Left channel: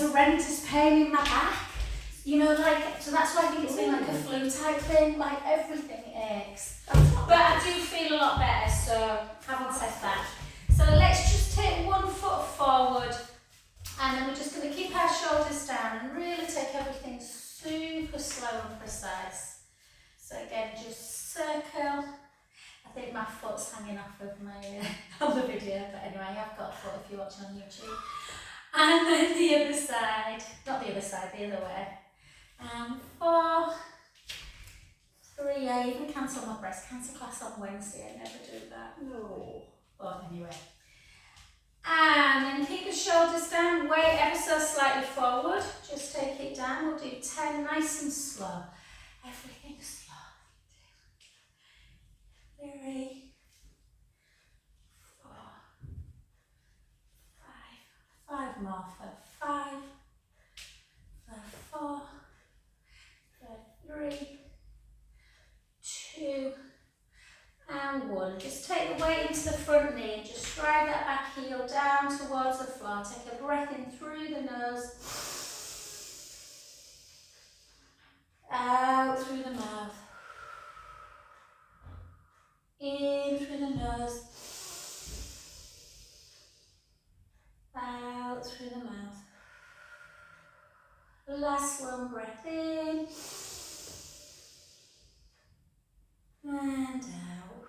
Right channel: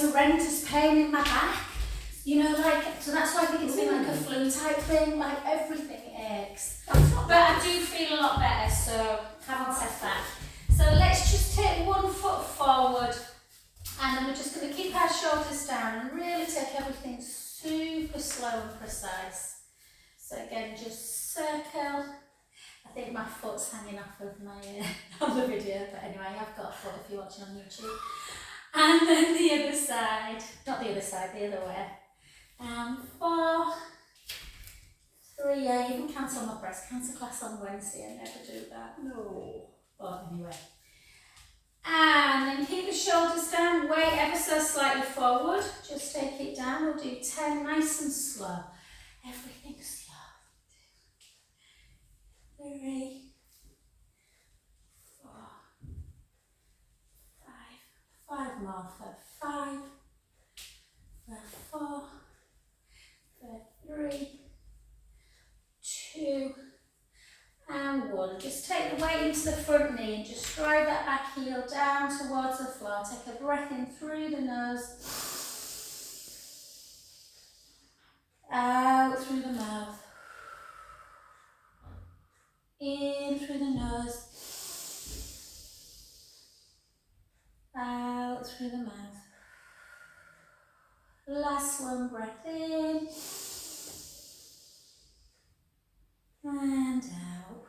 horrendous pain in my back. You know, like, so that's why I think it's been like a flu type thing, like everything aches. But I do feel a lot better, so haven't said that. So let's just take one foot forward, and then we're just going to keep our shoulders down and really take everything super slow and precise. So again, just circle. I think my foot's hanging off of my on the video, but anyway, I've got a foot if you're watching on YouTube. And then the other side, not the other side, the other way. 4, 3, I even cancel my breast cancer class on Wednesday, I never do that. No. But anyway. And then keep the shoulders down, weight ever so slightly forward, just take it down, we'll do 10 nice and slow. Everything slow. 3, 4, 5, 5 more for 5, for 4, for 3, 2, and 1. Just take the weight into the front knee and just drive that back heel down towards the floor. Take a breath in through the nose, out through the mouth, in through the nose, out through the mouth. Last one, breath in and out.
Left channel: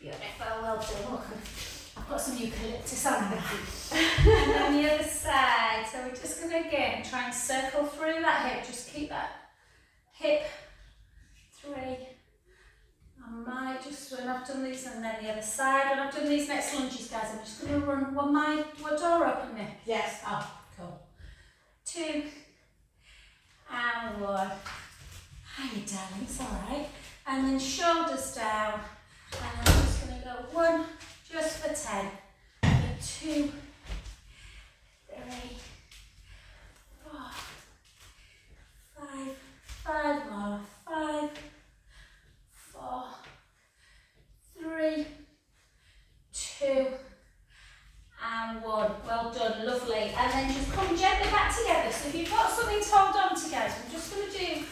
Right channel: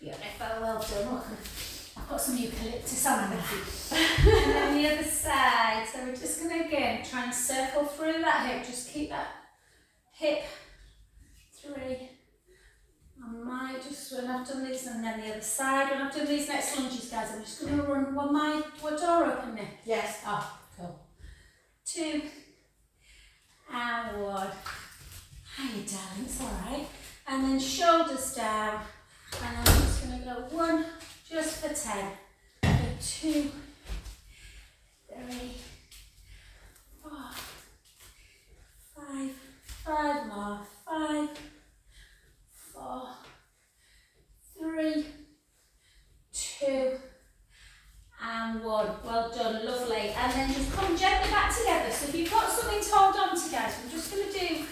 Beautiful, well done. Look, I've got some eucalyptus on my feet. And then the other side. So we're just going to again try and circle through that hip. Just keep that hip 3. I might just, when I've done these, and then the other side. When I've done these next lunges, guys, I'm just going to run one door open now. Yes. Oh, cool. 2 and 1. Hiya, darling, it's alright. And then shoulders down. And I'm just going to go 1 just for 10. For 2, 3, 4, 5. 5 more. 5, 4, 3, 2, and 1. Well done, lovely. And then just come gently back together. So if you've got something to hold on to, guys, we're just going to do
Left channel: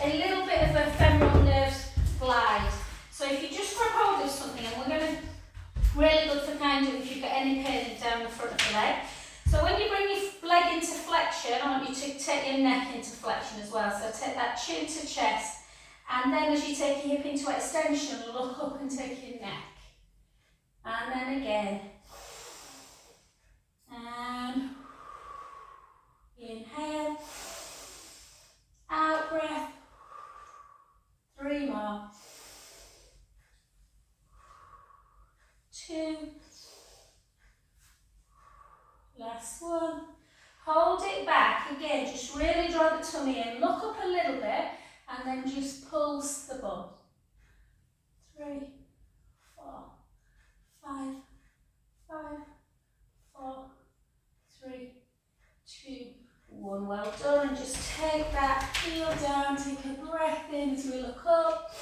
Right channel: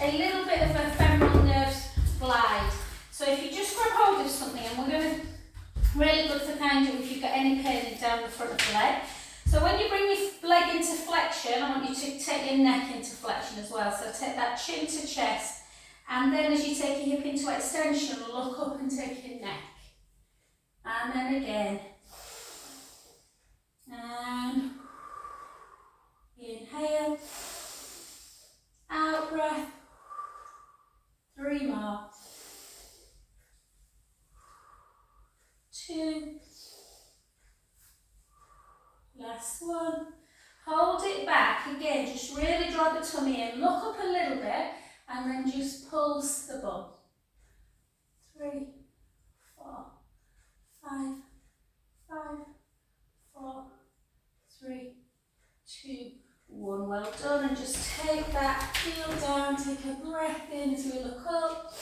a little bit of a femoral nerves glide. So if you just grab hold of something, and we're going to, really good for kind of if you've got any pain down the front of the leg. So when you bring your leg into flexion, I want you to take your neck into flexion as well. So take that chin to chest, and then as you take your hip into extension, look up and take your neck. And then again. And inhale, out breath, 3 more, 2, last 1, hold it back, again just really draw the tummy in, look up a little bit and then just pulse the bum, 3, 4, 5, 5, 4, 3, 2, 1. Well done, and just take that heel down, take a breath in as we look up.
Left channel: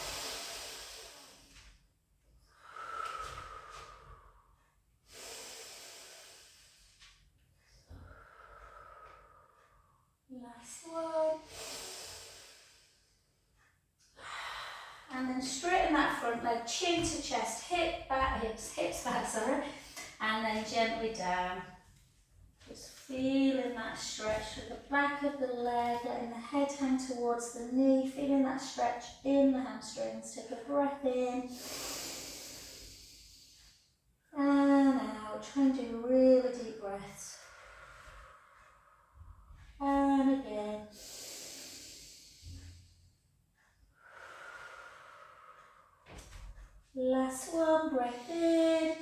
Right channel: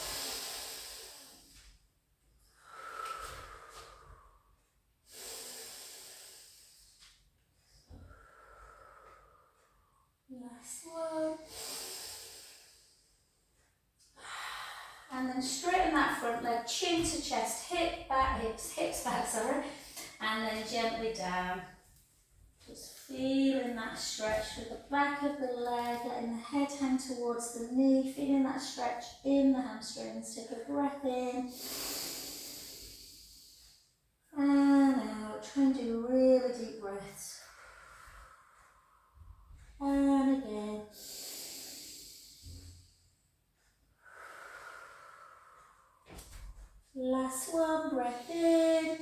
Last one. And then straighten that front leg, chin to chest, hips back, sorry. And then gently down. Just feeling that stretch through the back of the leg, letting the head hang towards the knee, feeling that stretch in the hamstrings. Take a breath in and out. Try and do really deep breaths. And again. Last one, breath in.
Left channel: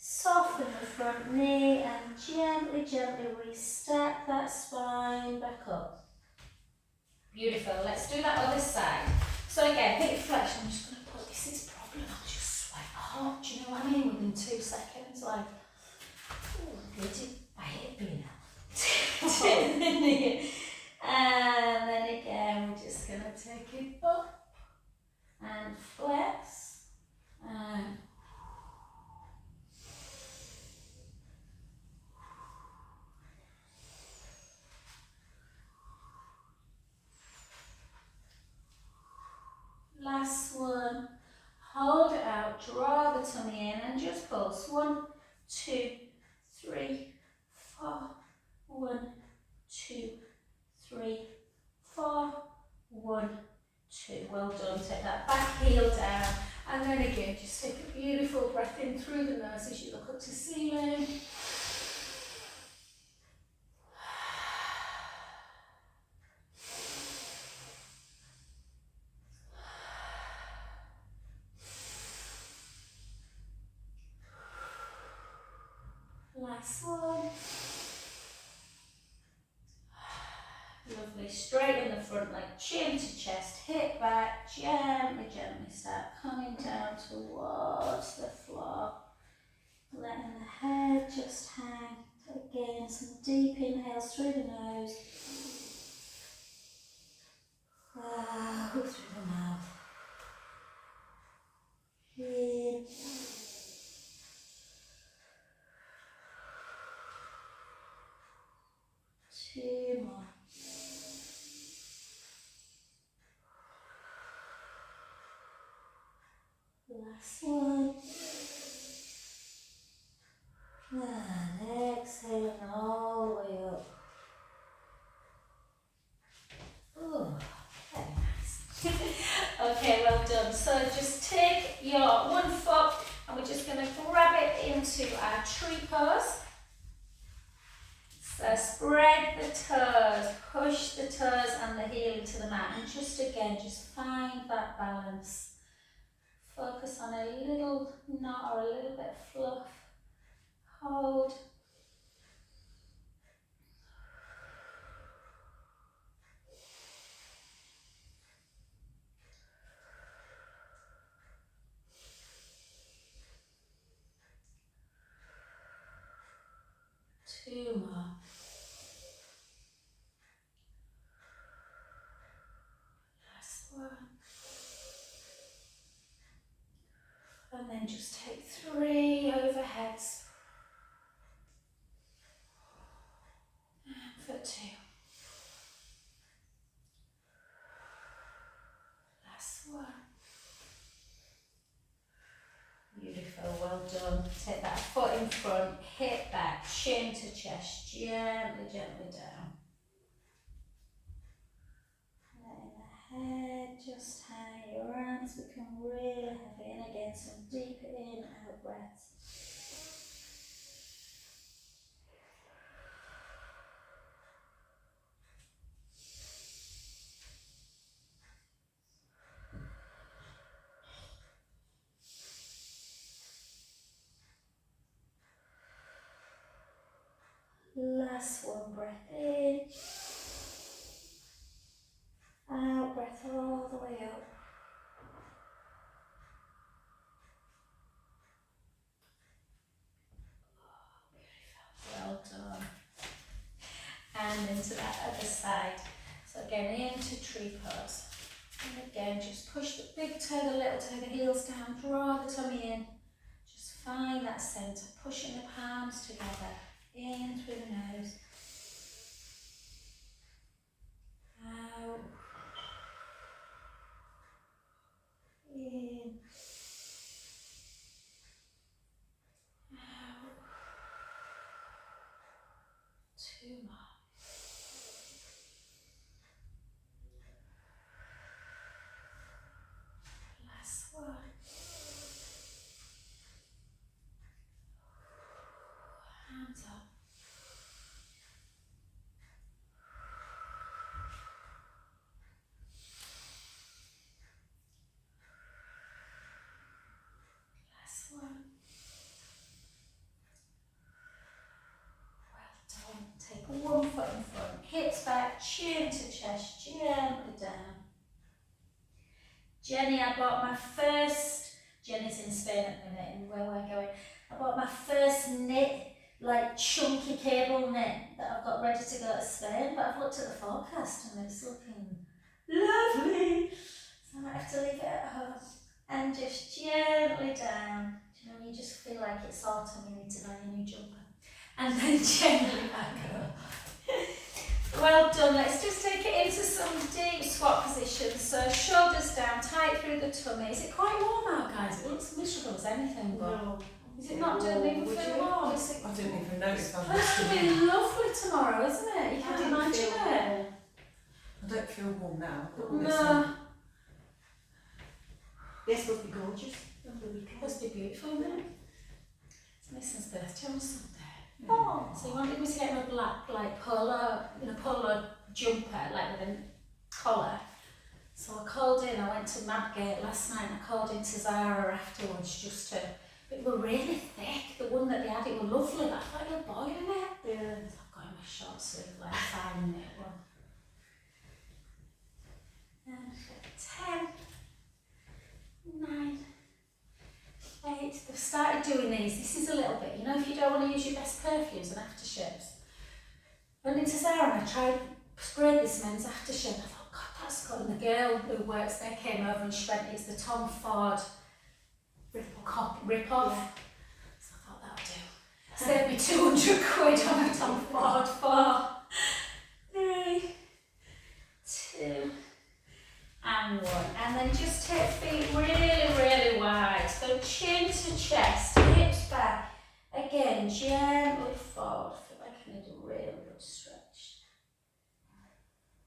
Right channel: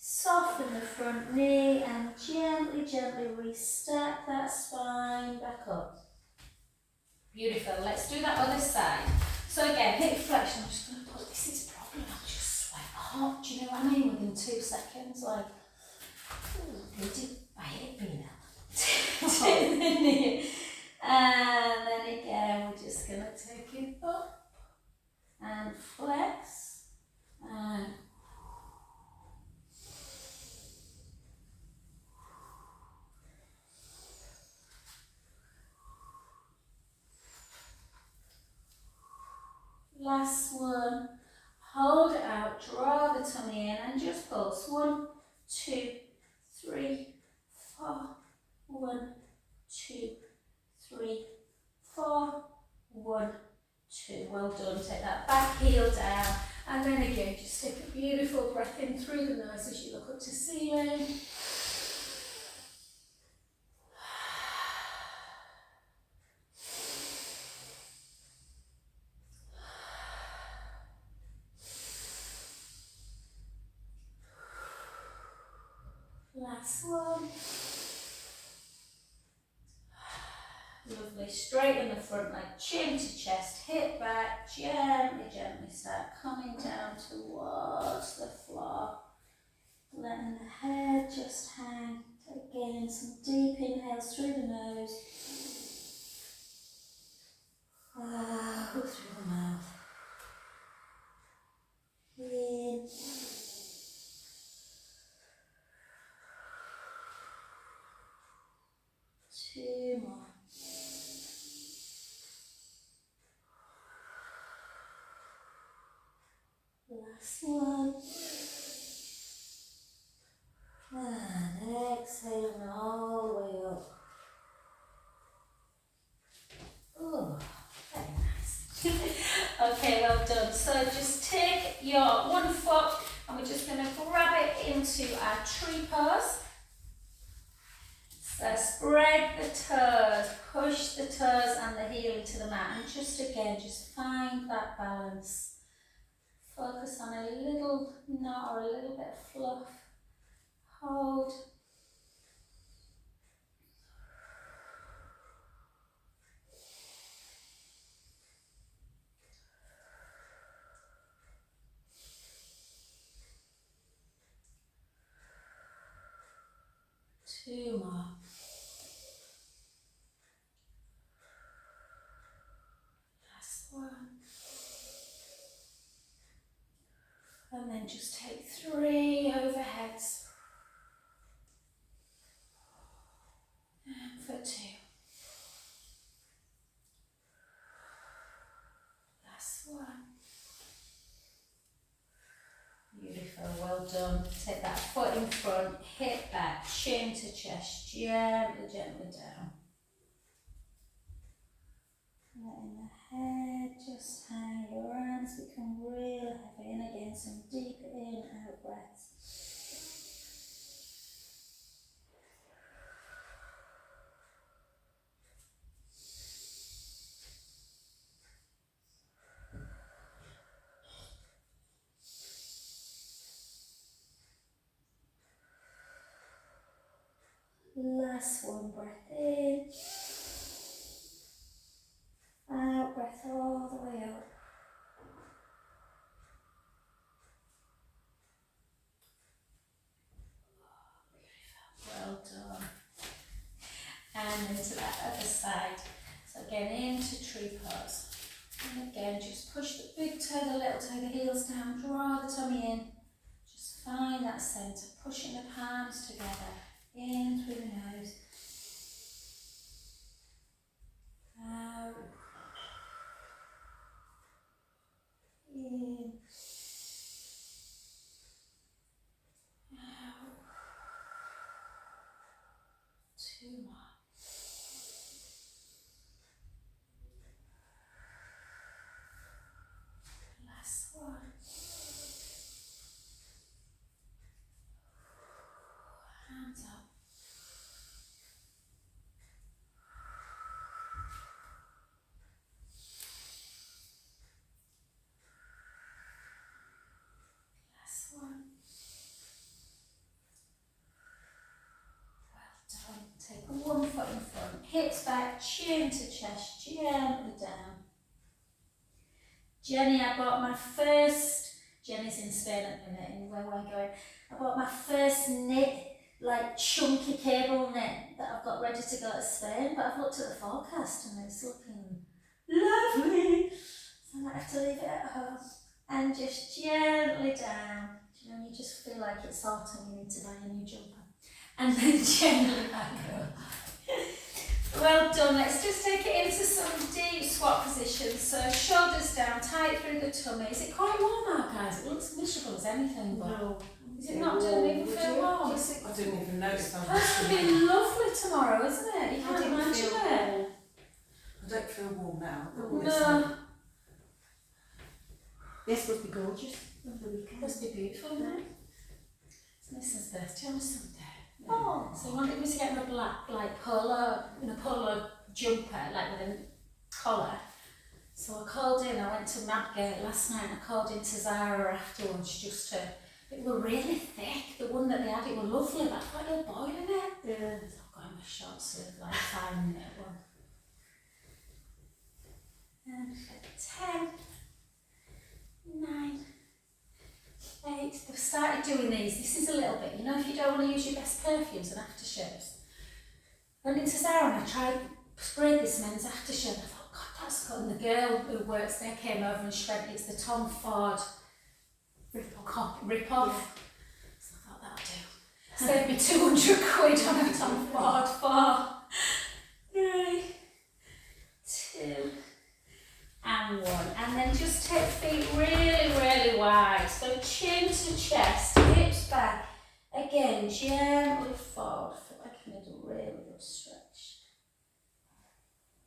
Soften the front knee and gently, gently restack that spine back up. Beautiful. Let's do that other side. So again, hip flexion. I'm just going to put this problem. I'll just sweat hot. Do you know what I mean? Within 2 seconds, like, I hate being out. And then again, we're just going to take it up and flex and then again, just take a beautiful breath in through the nose as you look up to ceiling. Last one. Lovely. Straighten the front leg, chin to chest, hip back, gently, gently start coming down towards the floor. Letting the head just hang. Again, some deep inhales through the nose. Out through the mouth. In. 2 more. Last one. And exhale all the way up. Oh, very nice. Okay, well done. So just take your one foot and we're just going to grab it into our tree pose. So spread the toes, push the toes and the heel into the mat, and just again, just find that balance. Focus on a little knot or a little bit of fluff. Hold. Two more. Last one. And then just take 3 overheads. And for 2. Last one. Beautiful, well done. Take that foot in front, hip back, chin to chest, gently, gently down. Letting the head just hang, your arms become really heavy, and again some deep in, out breaths. Last one, breath in. Out, breath all the way up. Well done. And into that other side. So again, into tree pose. And again, just push the big toe, the little toe, the heels down, draw the tummy in. Just find that centre, pushing the palms together, in through the nose. Out. In. Out. 2 more. Last one. Hands up. Last one. Well done. Take one foot in front, hips back, chin to chest, gently down. Jenny, I bought my first, Jenny's in Spain at the minute and where we're going, I bought my first knit, like chunky cable knit that I've got ready to go to Spain, but I've looked at the forecast and it's looking lovely. So I might have to leave it at home and just gently down. You know, you just feel like it's autumn, you need to buy a new jumper. And then gently back up. Well done, let's just take it into some deep squat positions. So shoulders down, tight through the tummy. Is it quite warm out, guys? It looks miserable as anything, but No. is it not? Doesn't even feel warm? I didn't even notice. It's supposed to be lovely tomorrow, isn't it? You can't imagine it. I don't feel warm now. No. This would be gorgeous. over the weekend. Must be beautiful, isn't it? It's Nissan's birthday on Sunday. Yeah. Oh, so he wanted me to get him a black, like, polo jumper, like with a collar. So I called in, I went to Madgate last night and I called into Zara afterwards just to, it were really thick, the one that they had, it were lovely, but I thought it was boiling it. Yeah. So I've got him a short sleeve, like 5-minute one. And 10, 9, 8, they've started doing these. This is a little bit, you know, if you don't want to use your best perfumes and aftershaves. I went into Zara and I tried, sprayed this men's aftershave and I thought, God, that's good. And the girl who works there came over and she went, it's the Tom Ford rip-off. Yeah. So I thought, that'll do. Saved me 200 quid on a Tom Ford. 4, 3, 2, and 1. And then just take feet really, really wide. So chin to chest, hips back. Again, gently forward. I feel like I need a really good stretch.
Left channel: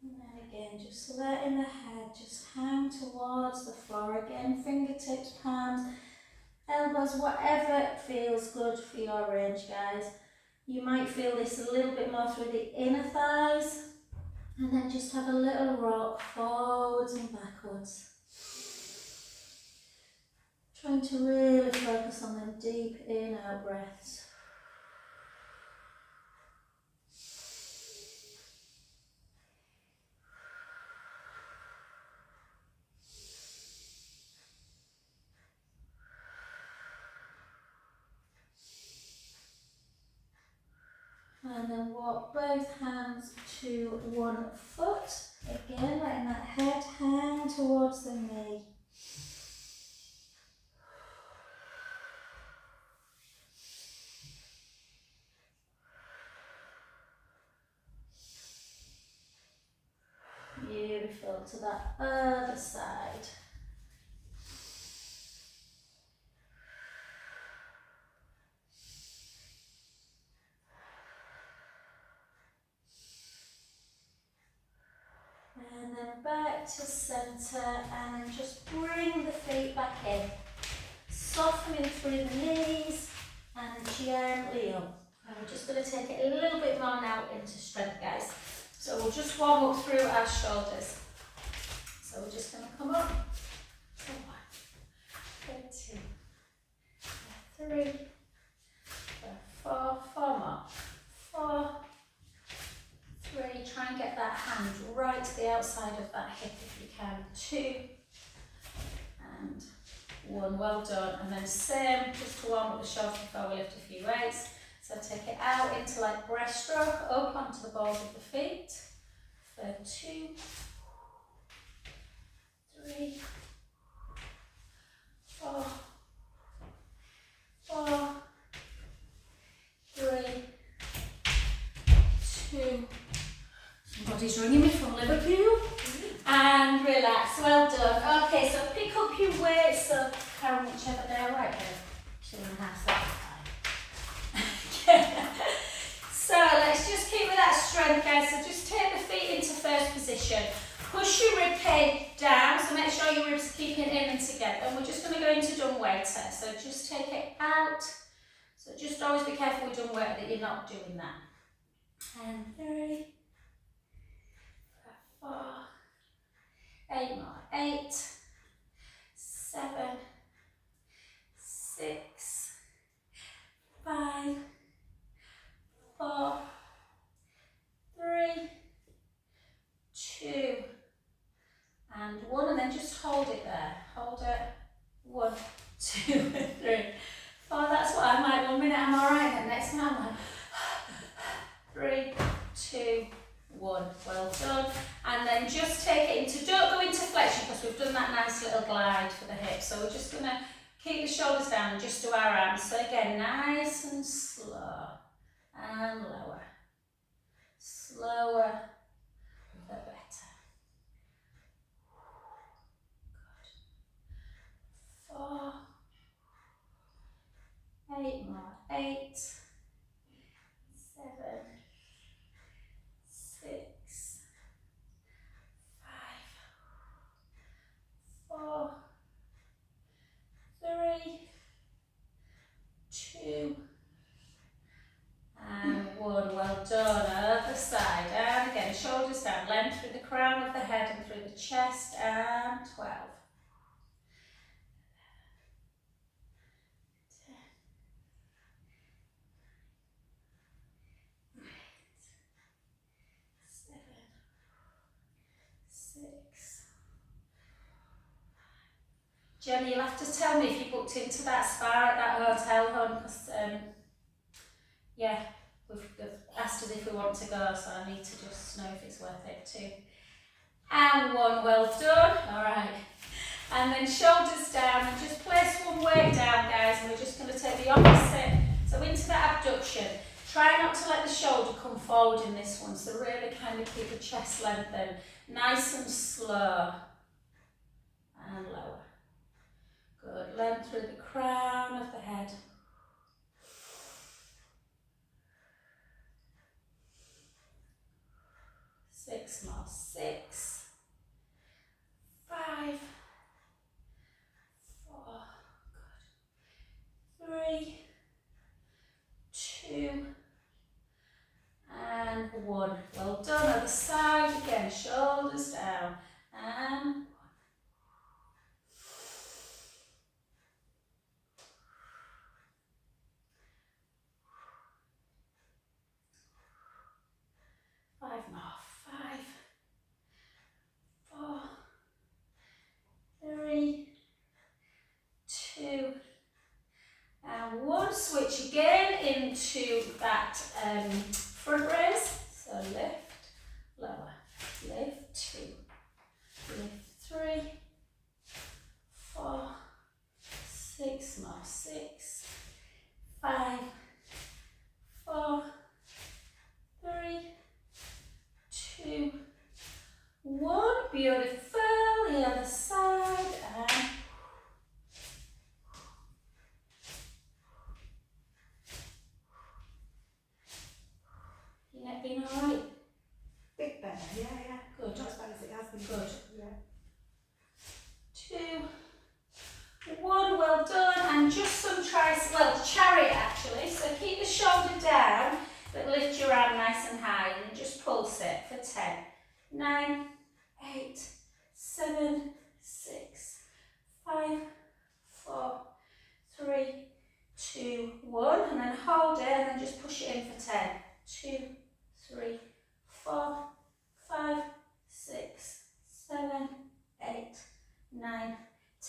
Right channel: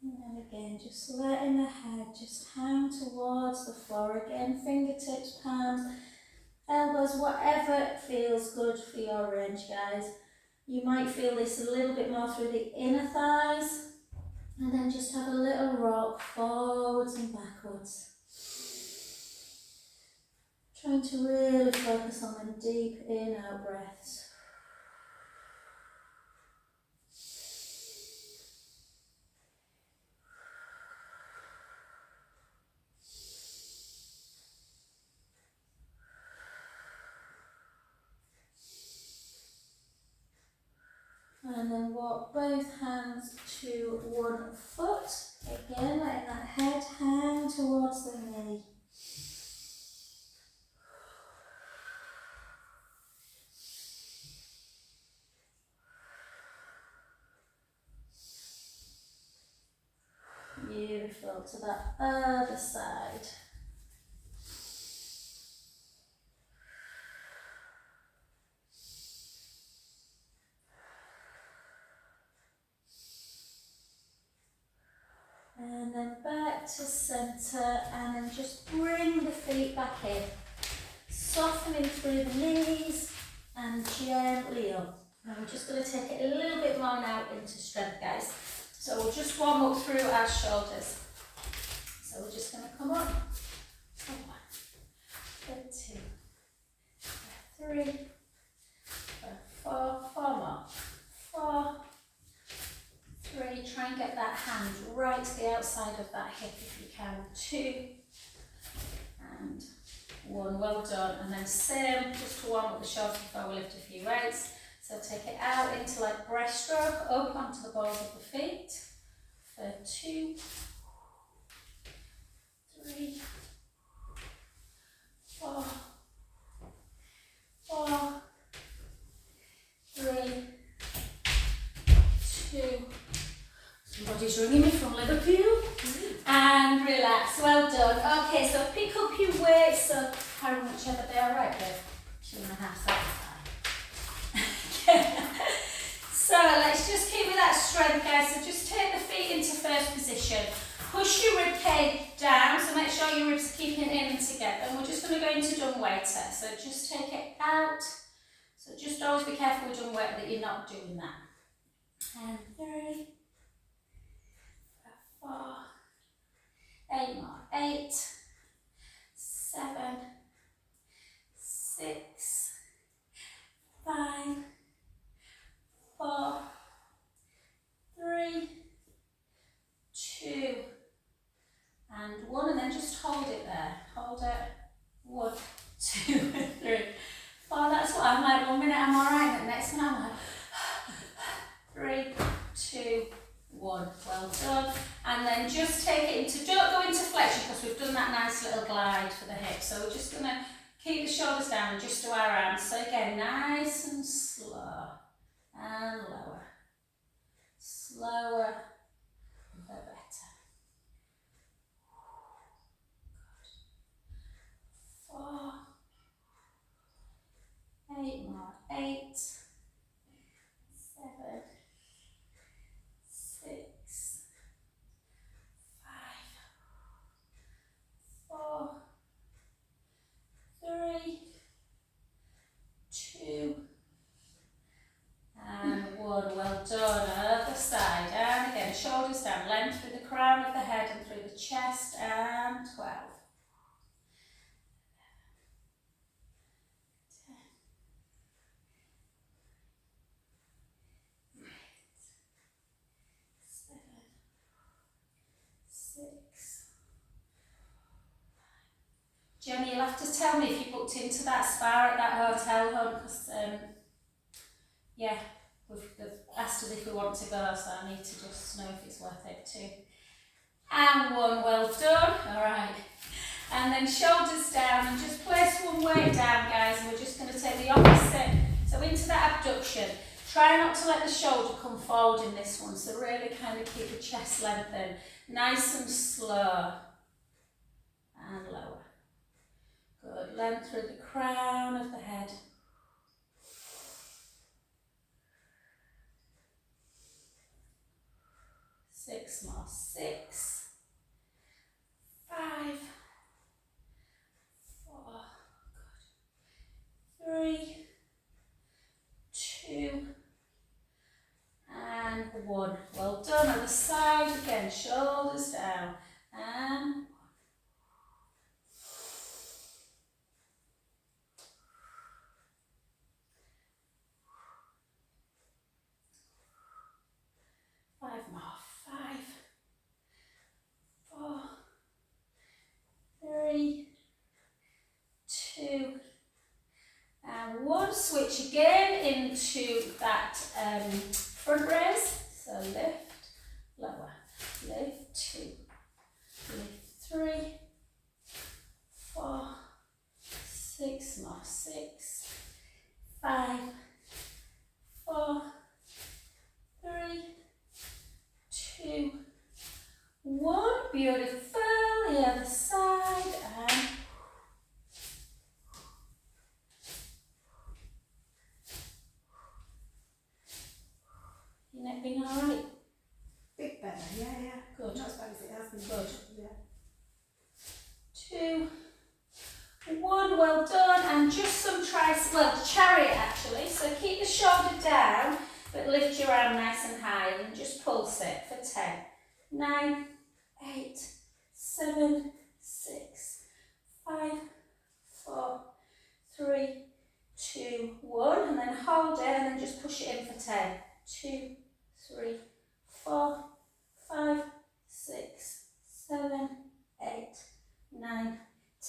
And then again, just letting the head just hang towards the floor. Again, fingertips, palms, elbows, whatever feels good for your range, guys. You might feel this a little bit more through the inner thighs. And then just have a little rock forwards and backwards. Trying to really focus on them deep in-out breaths. And then walk both hands to one foot. Again, letting that head hang towards the knee. Beautiful. To that other side. And then back to centre, and then just bring the feet back in. Softening through the knees and gently up. And we're just going to take it a little bit more now into strength, guys. So we'll just warm up through our shoulders. So we're just going to come up. 1, 2, 3, 4, 4 more. 4, 3, try and get that hand right to the outside of that hip if you can. 2, and 1, well done. And then same, just to warm up the shoulders before we lift a few weights. So take it out into like breaststroke, up onto the balls of the feet. For 2, 3, 4, 4, 3, 2. Somebody's ringing me from Liverpool. And relax, well done. Okay, so pick up your weights. So how much have they? All right, babe. 2.5, that's fine. So let's just keep with that strength, guys. So just take the feet into first position. Push your rib cage down, so make sure your ribs are keeping in and together. And we're just going to go into dumb-waiter. So just take it out. So just always be careful with dumb-waiter that you're not doing that. And 3, 4, 8 more. 8, 7, 6, 5, 4, 3, 2, and 1, and then just hold it there. Hold it. 1, 2, 3, 4. That's what I'm like. 1 minute I'm alright, and the next one I'm like 3, 2, 1. Well done. And then just take it into, don't go into flexion because we've done that nice little glide for the hips. So we're just going to keep the shoulders down and just do our arms. So again, nice and slow and lower. Slower, the better. Good. 4, 8 more. 8, 7, 6, 5, 4, 3, side. Down again, shoulders down, length through the crown of the head and through the chest, and 12. 10. 8. 7. 6. Jenny, you'll have to tell me if you booked into that spa at that hotel, hon, because, yeah, they've asked us if we want to go, so I need to just know if it's worth it too. And 1, well done. All right. And then shoulders down, and just place one weight down, guys, and we're just going to take the opposite. So into that abduction. Try not to let the shoulder come forward in this one, so really kind of keep the chest lengthened. Nice and slow. And lower. Good. Length through the crown of the head. 6 more. 6. 5. 4. Good. 3. 2. And 1. Well done. Other side again. Shoulders down. And 1. 5 more. 5. 4. 3. 2. And 1. Switch again into that front raise. So lift, lower, lift 2, lift 3, 4, 6 more. 6, 5, 4, 3, 2, 1. Beautiful. The other side. And your neck being all right? Bit better, yeah. Good. Not as bad as it has been. Good. Yeah. 2, 1. Well done. And just some chariot actually. So keep the shoulder down, but lift your arm nice and high and just pulse it for 10, 9, 8, 7, 6, 5, 4, 3, 2, 1. And then hold it and then just push it in for 10, 2, 3, 4, 5, 6, 7, 8, 9,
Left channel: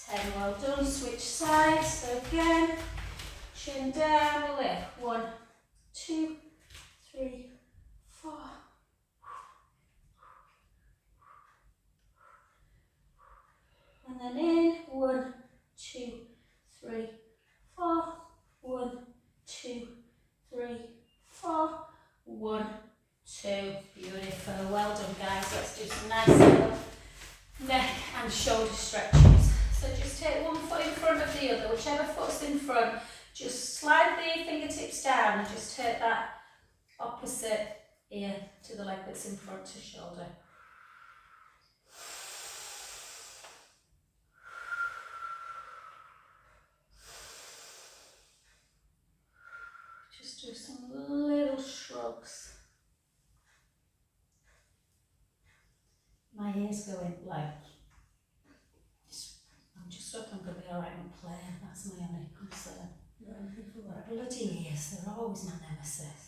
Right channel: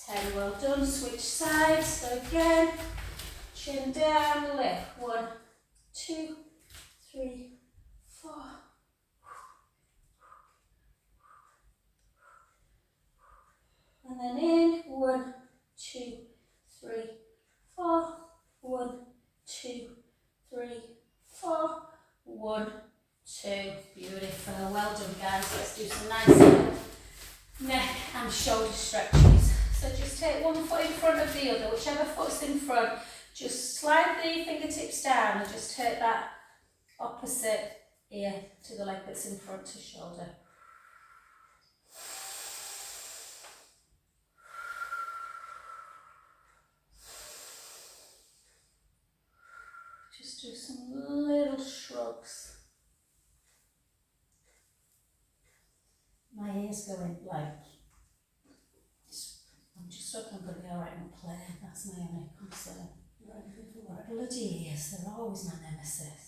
10. Well done. Switch sides. So again, chin down, lift. 1, 2, 3, 4. And then in. 1, 2, 3, 4. 1, 2, 3, 4. 1, 2. Beautiful. Well done, guys. Let's do some nice little neck and shoulder stretches. So just take one foot in front of the other, whichever foot's in front. Just slide the fingertips down and just take that opposite ear to the leg that's in front to shoulder. Just do some little shrugs. My ears going like, I'm just hoping I'm going to be alright and play. That's my only concern. What bloody ears, they're always my nemesis.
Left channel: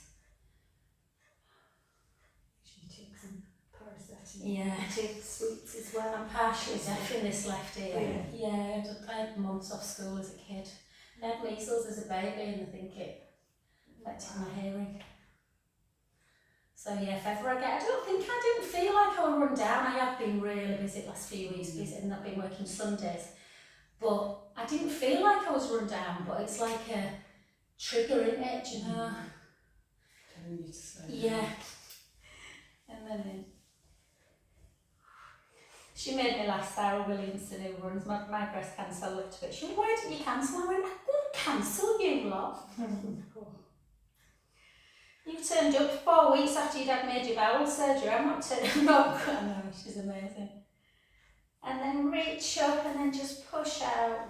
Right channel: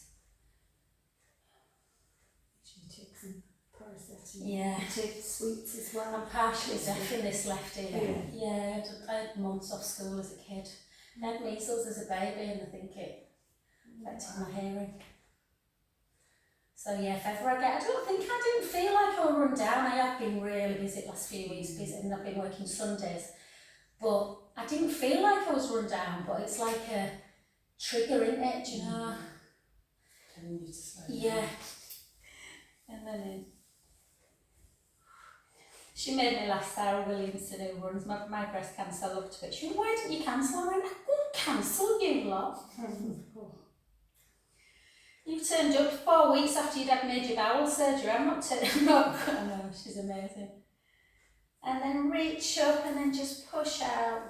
She takes some paracetamol. Yeah. Take sweets as well. I'm partially deaf in this left ear. Yeah. I had months off school as a kid. I had measles as a baby and I think it affected my hearing. So yeah, if ever I didn't feel like I was run down. I have been really busy the last few weeks, and I've been working Sundays. But I didn't feel like I was run down, but it's like a trigger, isn't it, do you know? Telling you to slow down. Yeah. And then she made me laugh, Sarah Williamson, who runs my breast cancer. I loved it. She went, why didn't you cancel? I went, I didn't cancel, you lot. You turned up 4 weeks after you'd had major bowel surgery. I'm not. I know, she's amazing. And then reach up and then just push out.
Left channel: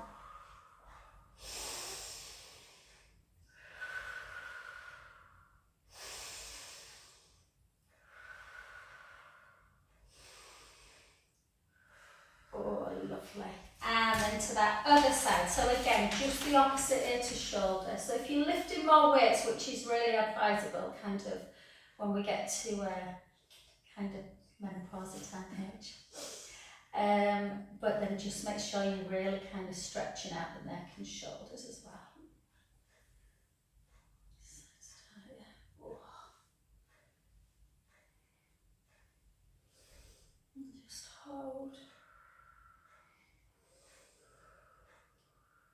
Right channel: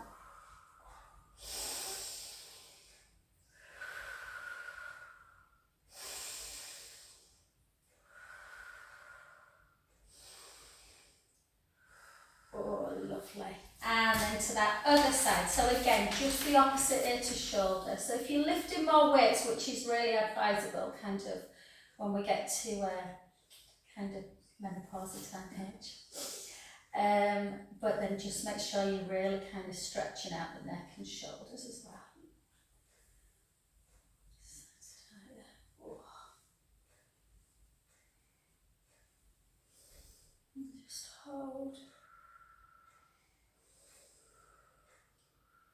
to that other side. So again, just the opposite ear to shoulder. So if you're lifting more weights, which is really advisable, kind of when we get to kind of menopausal time age. But then just make sure you're really kind of stretching out the neck and shoulders as well. Just hold.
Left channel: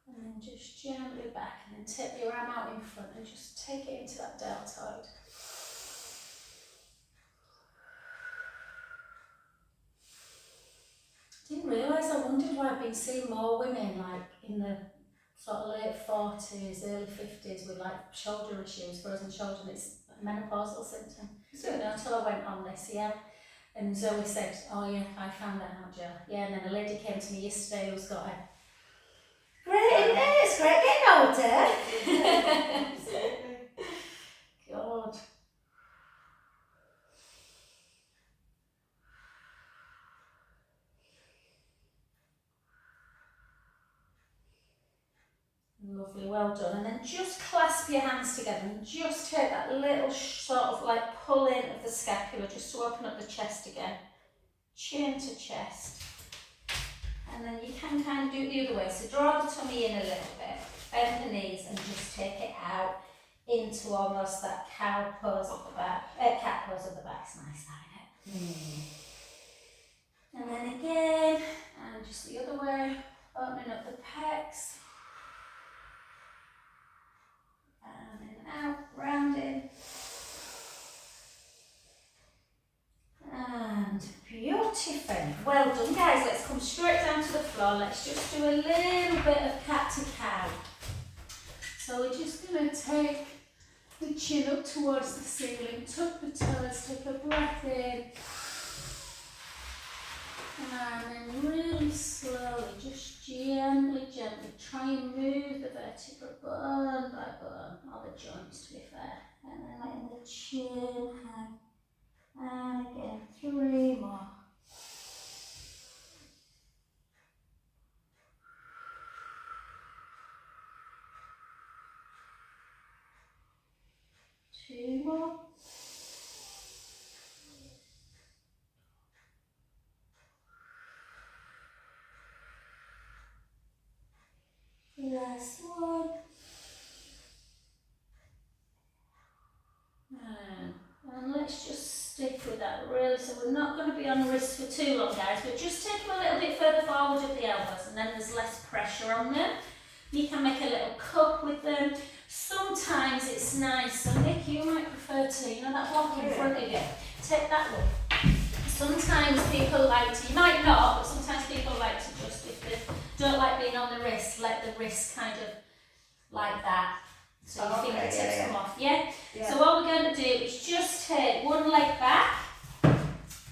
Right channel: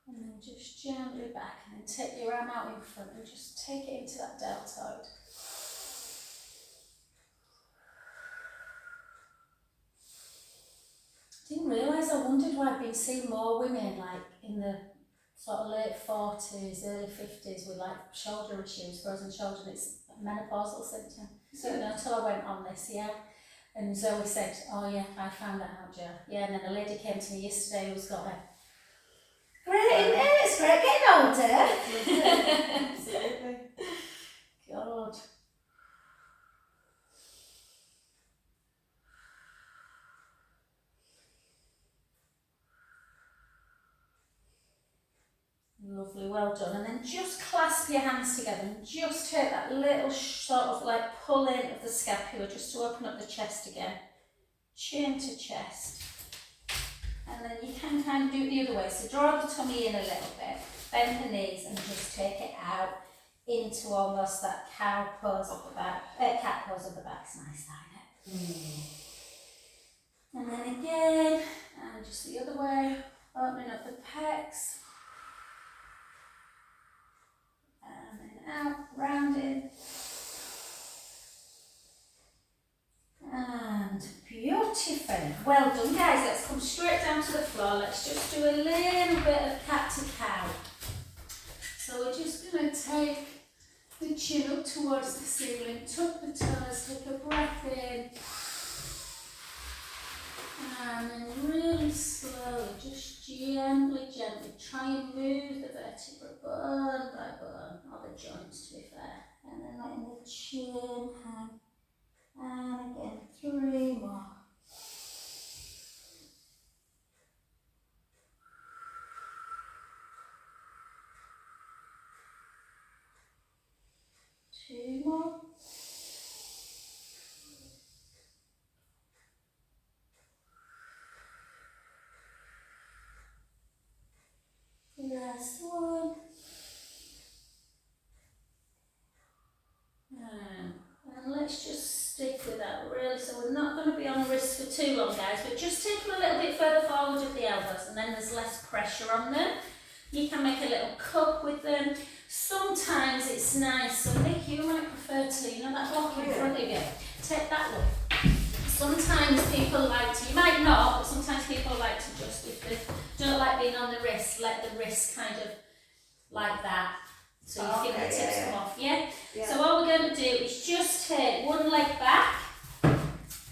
And then just gently back, and then take your arm out in front and just take it into that deltoid. Didn't realise, I wondered why I've been seeing more women like in the sort of late 40s, early 50s with like shoulder issues, frozen shoulder, and it's a menopausal symptom. So until I went on this, yeah. And Zoe said, oh yeah, I found that out, Jo. Yeah, and then a lady came to me yesterday who's got a great, isn't it? It's great getting older. Absolutely. God. Lovely, well done. And then just clasp your hands together and just take that little sort of like pull in of the scapula just to open up the chest again. Chin to chest. And then you can kind of do it the other way. So draw the tummy in a little bit, bend the knees and just take it out into almost that cow pose of the back. Cat pose of the back. It's nice, that, isn't it? And then again, and just the other way, opening up the pecs. And then out, rounding. And beautiful. Well done, guys. Let's come straight down to the floor. Let's just do a little bit of cat to cow. So we're just going to take the chin up towards the ceiling, tuck the toes, take a breath in. And then really slowly, just gently try and move the vertebra bone by bone, or the joints to be fair. And then letting the chin hang. And again, 3 more. 2 more. Last one. And let's just stick with that really. So we're not going to be on the wrists for too long, guys, but just take them a little bit further forward with the elbows, and then there's less pressure on them. You can make a little cup with them. Sometimes it's nice. So Nick, you might prefer to, you know that block in front of you? Take that one. Sometimes people like to, you might not, but sometimes people like to just, if they don't like being on the wrist, let the wrist kind of like that. So your fingertips come off, yeah? So what we're going to do is just take one leg back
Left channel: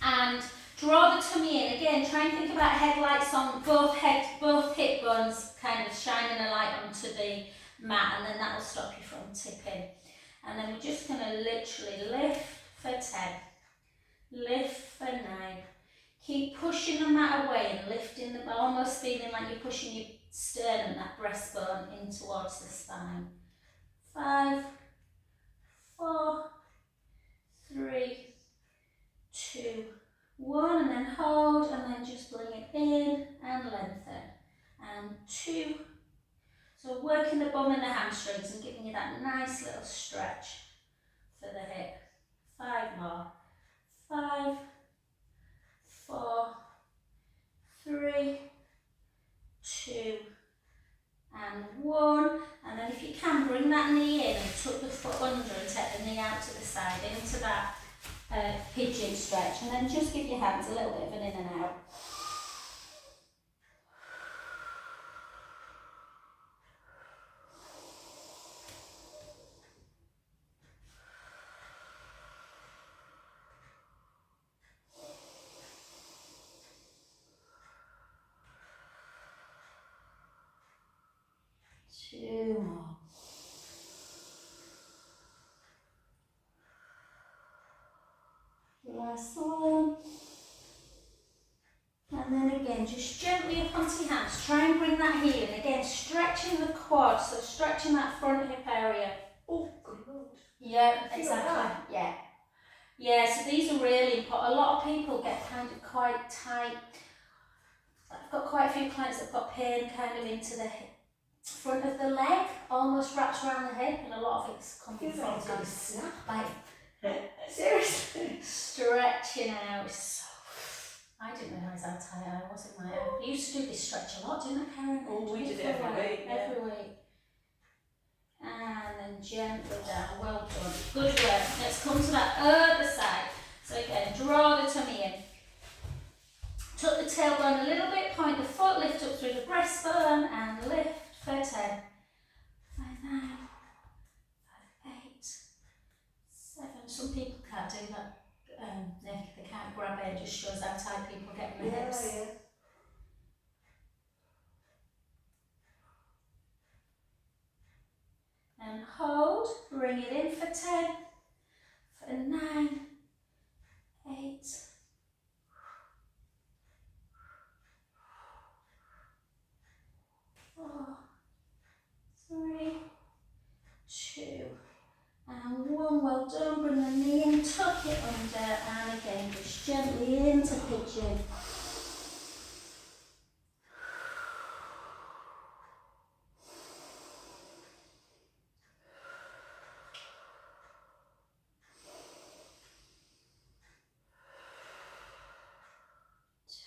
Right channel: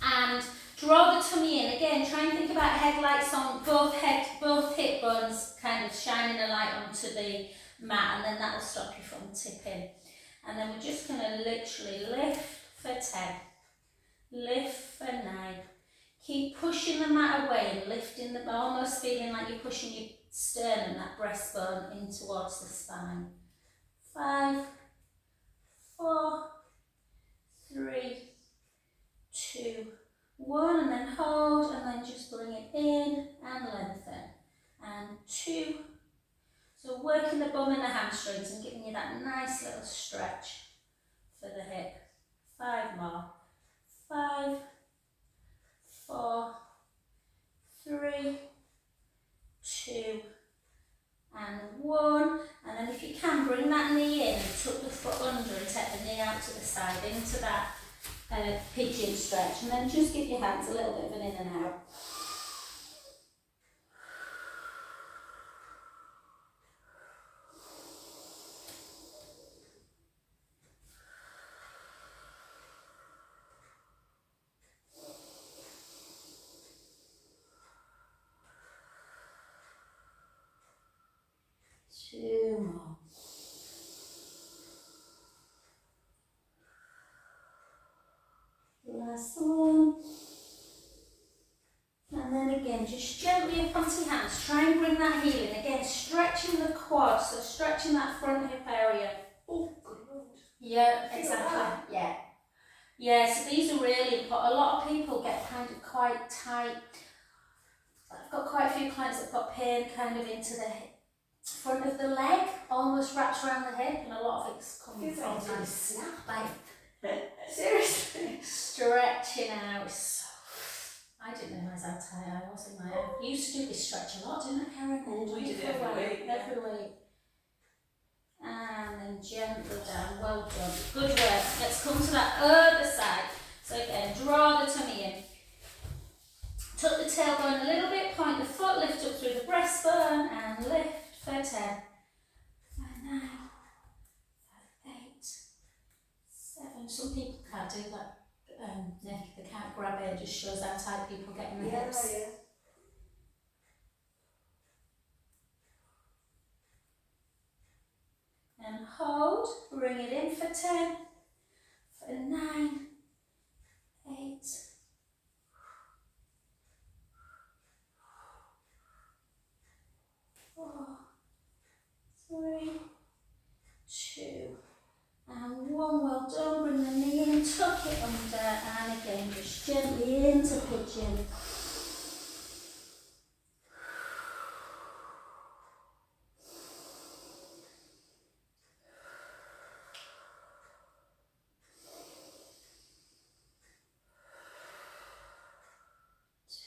and draw the tummy in. Again, try and think about headlights on both hip bones, kind of shining a light onto the mat, and then that will stop you from tipping. And then we're just going to literally lift for 10, lift for 9. Keep pushing the mat away and lifting the, almost feeling like you're pushing your sternum, that breastbone, in towards the spine. 5, 4, 3, 2, 1, and then hold, and then just bring it in and lengthen. And 2. So working the bum and the hamstrings and giving you that nice little stretch for the hip. 5 more. 5, 4, 3, 2, and 1. And then if you can, bring that knee in and tuck the foot under and take the knee out to the side into that pigeon stretch. And then just give your hands a little bit of an in and out. Two more. Last one. And then again, just gently up onto your hands. Try and bring that heel in. Again, stretching the quad, so stretching that front hip area. Oh, good Lord. Yeah, exactly. Yeah. Yeah, so these are really important. A lot of people get kind of quite tight. I've got quite a few clients that have got pain kind of into the front of the leg, almost wrapped around the hip, and a lot of it's coming from Like snap. like Seriously. stretching out. So I didn't realise how tight I was in my head. I used to do this stretch a lot, didn't I, Karen? Oh, we did it every week. Every week. And then gently down. Well done. Good work. Let's come to that other side. So again, draw the tummy in. Tuck the tailbone a little bit, point the foot, lift up through the breastbone and lift for 10, 5, 9, 5, 8, 7. Some people can't do that. They can't grab it, it just shows how tight people get in the hips. Yeah. And hold, bring it in for 10, for 9, 8, 4, 3, 2, and 1. Well done. Bring the knee in, tuck it under, and again just gently into pigeon.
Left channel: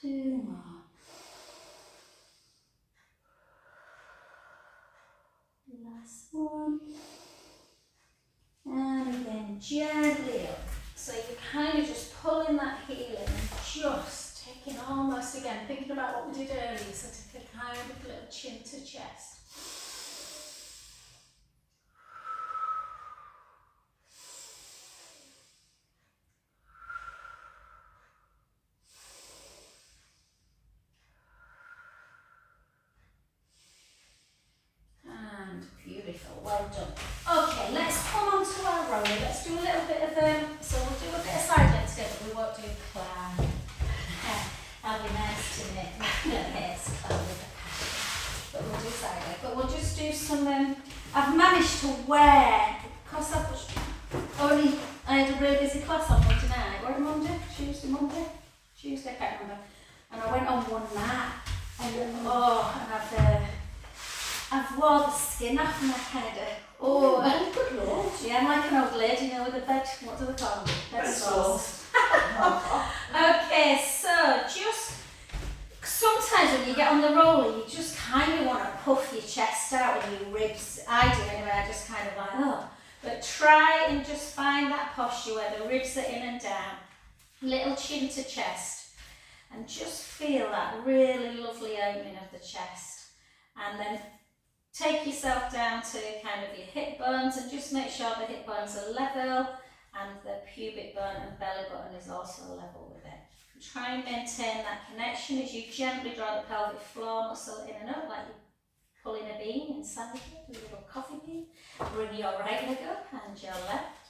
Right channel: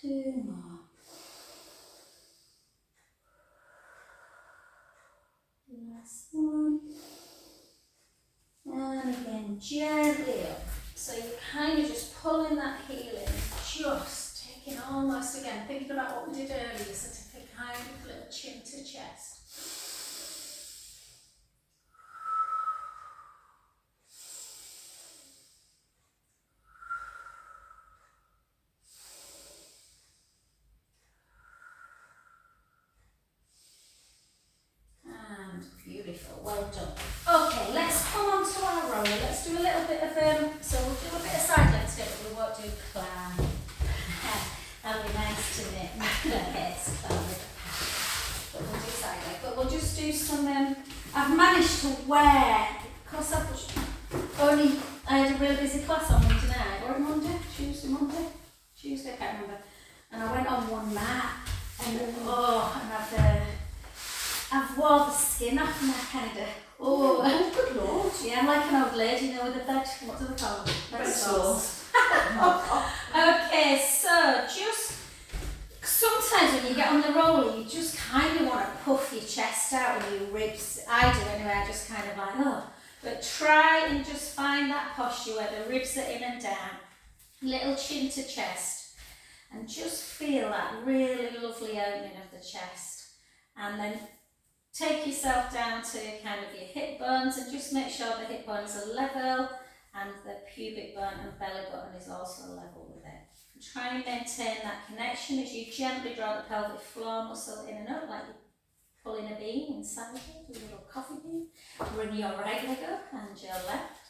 Two more. Last one. And again, gently up. So you're kind of just pulling that heel in, just taking almost again, thinking about what we did earlier, so take a kind of little chin to chest. And beautiful, well done. Okay, let's come on to our roller. Let's do a little bit of so we'll do a bit of side legs together, but we won't do clown. That'll be nice to make yes, clown with a but we'll do side leg. But we'll just do some I've managed to wear, because I had a really busy class on Monday night, or Monday? Tuesday, I can't remember. And I went on one mat and I've wore the skin off and I kind of, Good Lord. yeah, I'm like an old lady, you know, with a bed, what do they call them? Bed sores. Okay, so just, sometimes when you get on the roller, you just kind of want to puff your chest out and your ribs. I do anyway, I just kind of like, oh. But try and just find that posture where the ribs are in and down, little chin to chest, and just feel that really lovely opening of the chest. And then take yourself down to kind of your hip bones and just make sure the hip bones are level and the pubic bone and belly button is also level with it. And try and maintain that connection as you gently draw the pelvic floor muscle in and up, like you're pulling a bean inside you, a little coffee bean. Bring your right leg up and your left.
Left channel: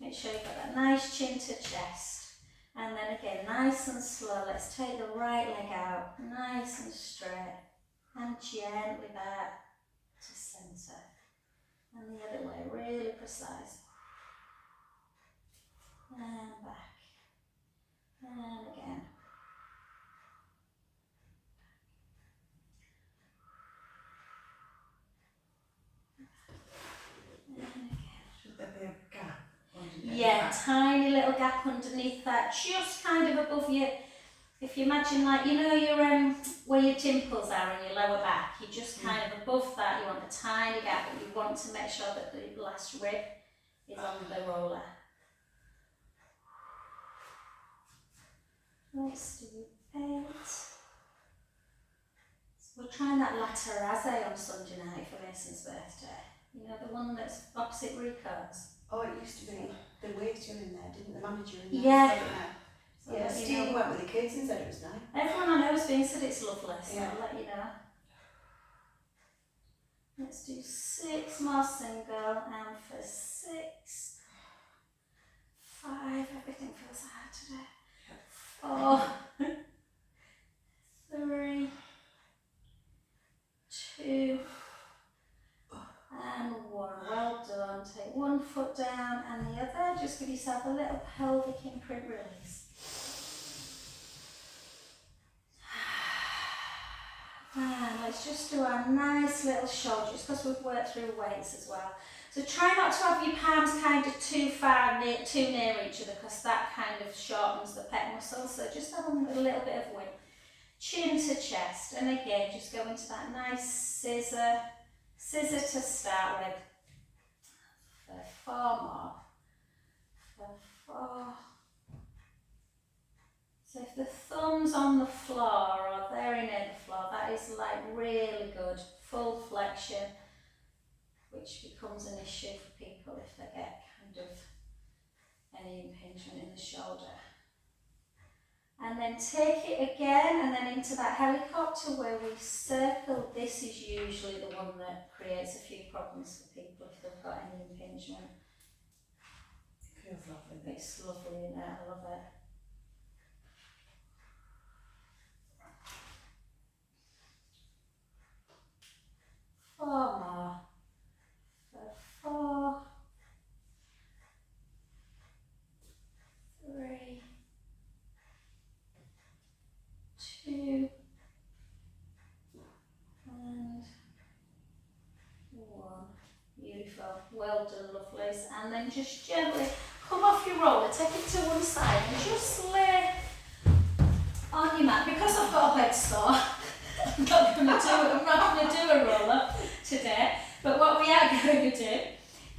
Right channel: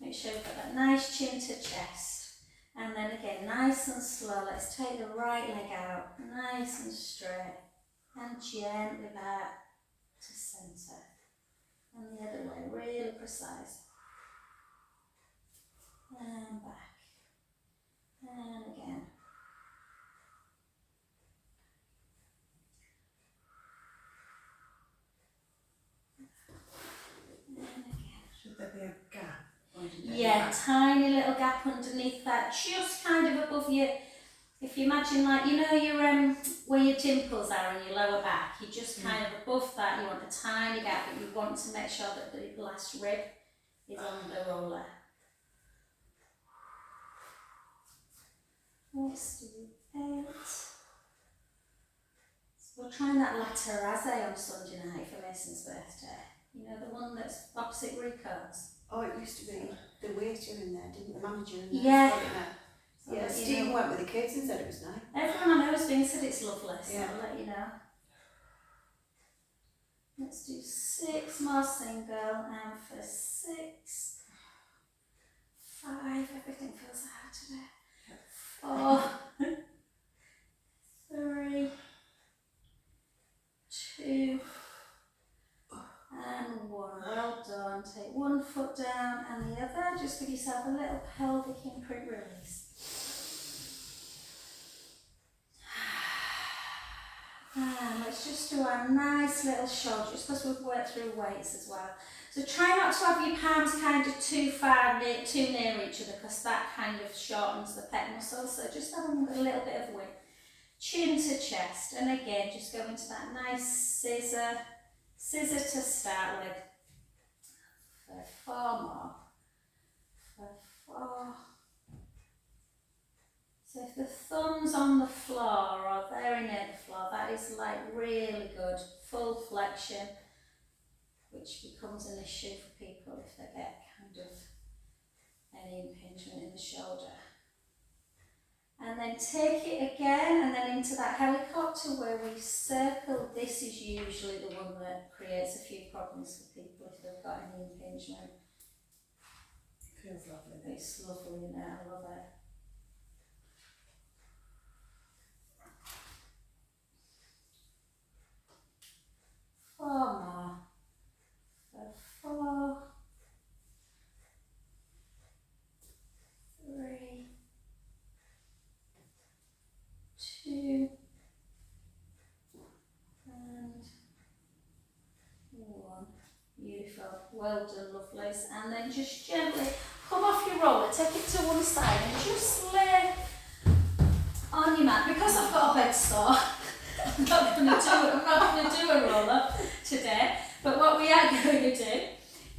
Make sure you've got that nice chin to chest. And then again, nice and slow, let's take the right leg out, nice and straight, and gently back to centre. And the other way, really precise. And back. And again. And again. Should there be a gap? Yeah, tiny little gap underneath that, just kind of above your, if you imagine like, you know your where your dimples are in your lower back, you just kind of above that, you want a tiny gap, but you want to make sure that the last rib is on the roller. Let's do 8. So we're trying that laterale on Sunday night for Mason's birthday. You know, the one that's opposite Rico's. Oh, it used to be the waiter in there, didn't the manager in there? Yeah. So yeah, Steve went with the kids and said it was nice. Everyone I know has been said it's lovely, so Yeah. I'll let you know. Let's do 6 more single, and for 6, 5, everything feels hard today. 4, have a little pelvic imprint release. And let's just do a nice little shoulder, just because we've worked through weights as well. So try not to have your palms kind of too near each other, because that kind of shortens the pec muscles. So just have a little bit of width. Chin to chest, and again, just go into that nice scissor to start with. For 4 more. For 4. So if the thumb's on the floor or very near the floor, that is like really good, full flexion, which becomes an issue for people if they get kind of any impingement in the shoulder. And then take it again, and then into that helicopter where we circle. This is usually the one that creates a few problems for people if they've got any impingement. It feels lovely. It's lovely, isn't it? I love it. Four more. For 4, 3, 2, and 1. Beautiful. Well done, lovelies. And then just gently come off your roller, take it to one side, and just lay on your mat. Because I've got a bed sore, I'm not going to do a roller today. But what we are going to do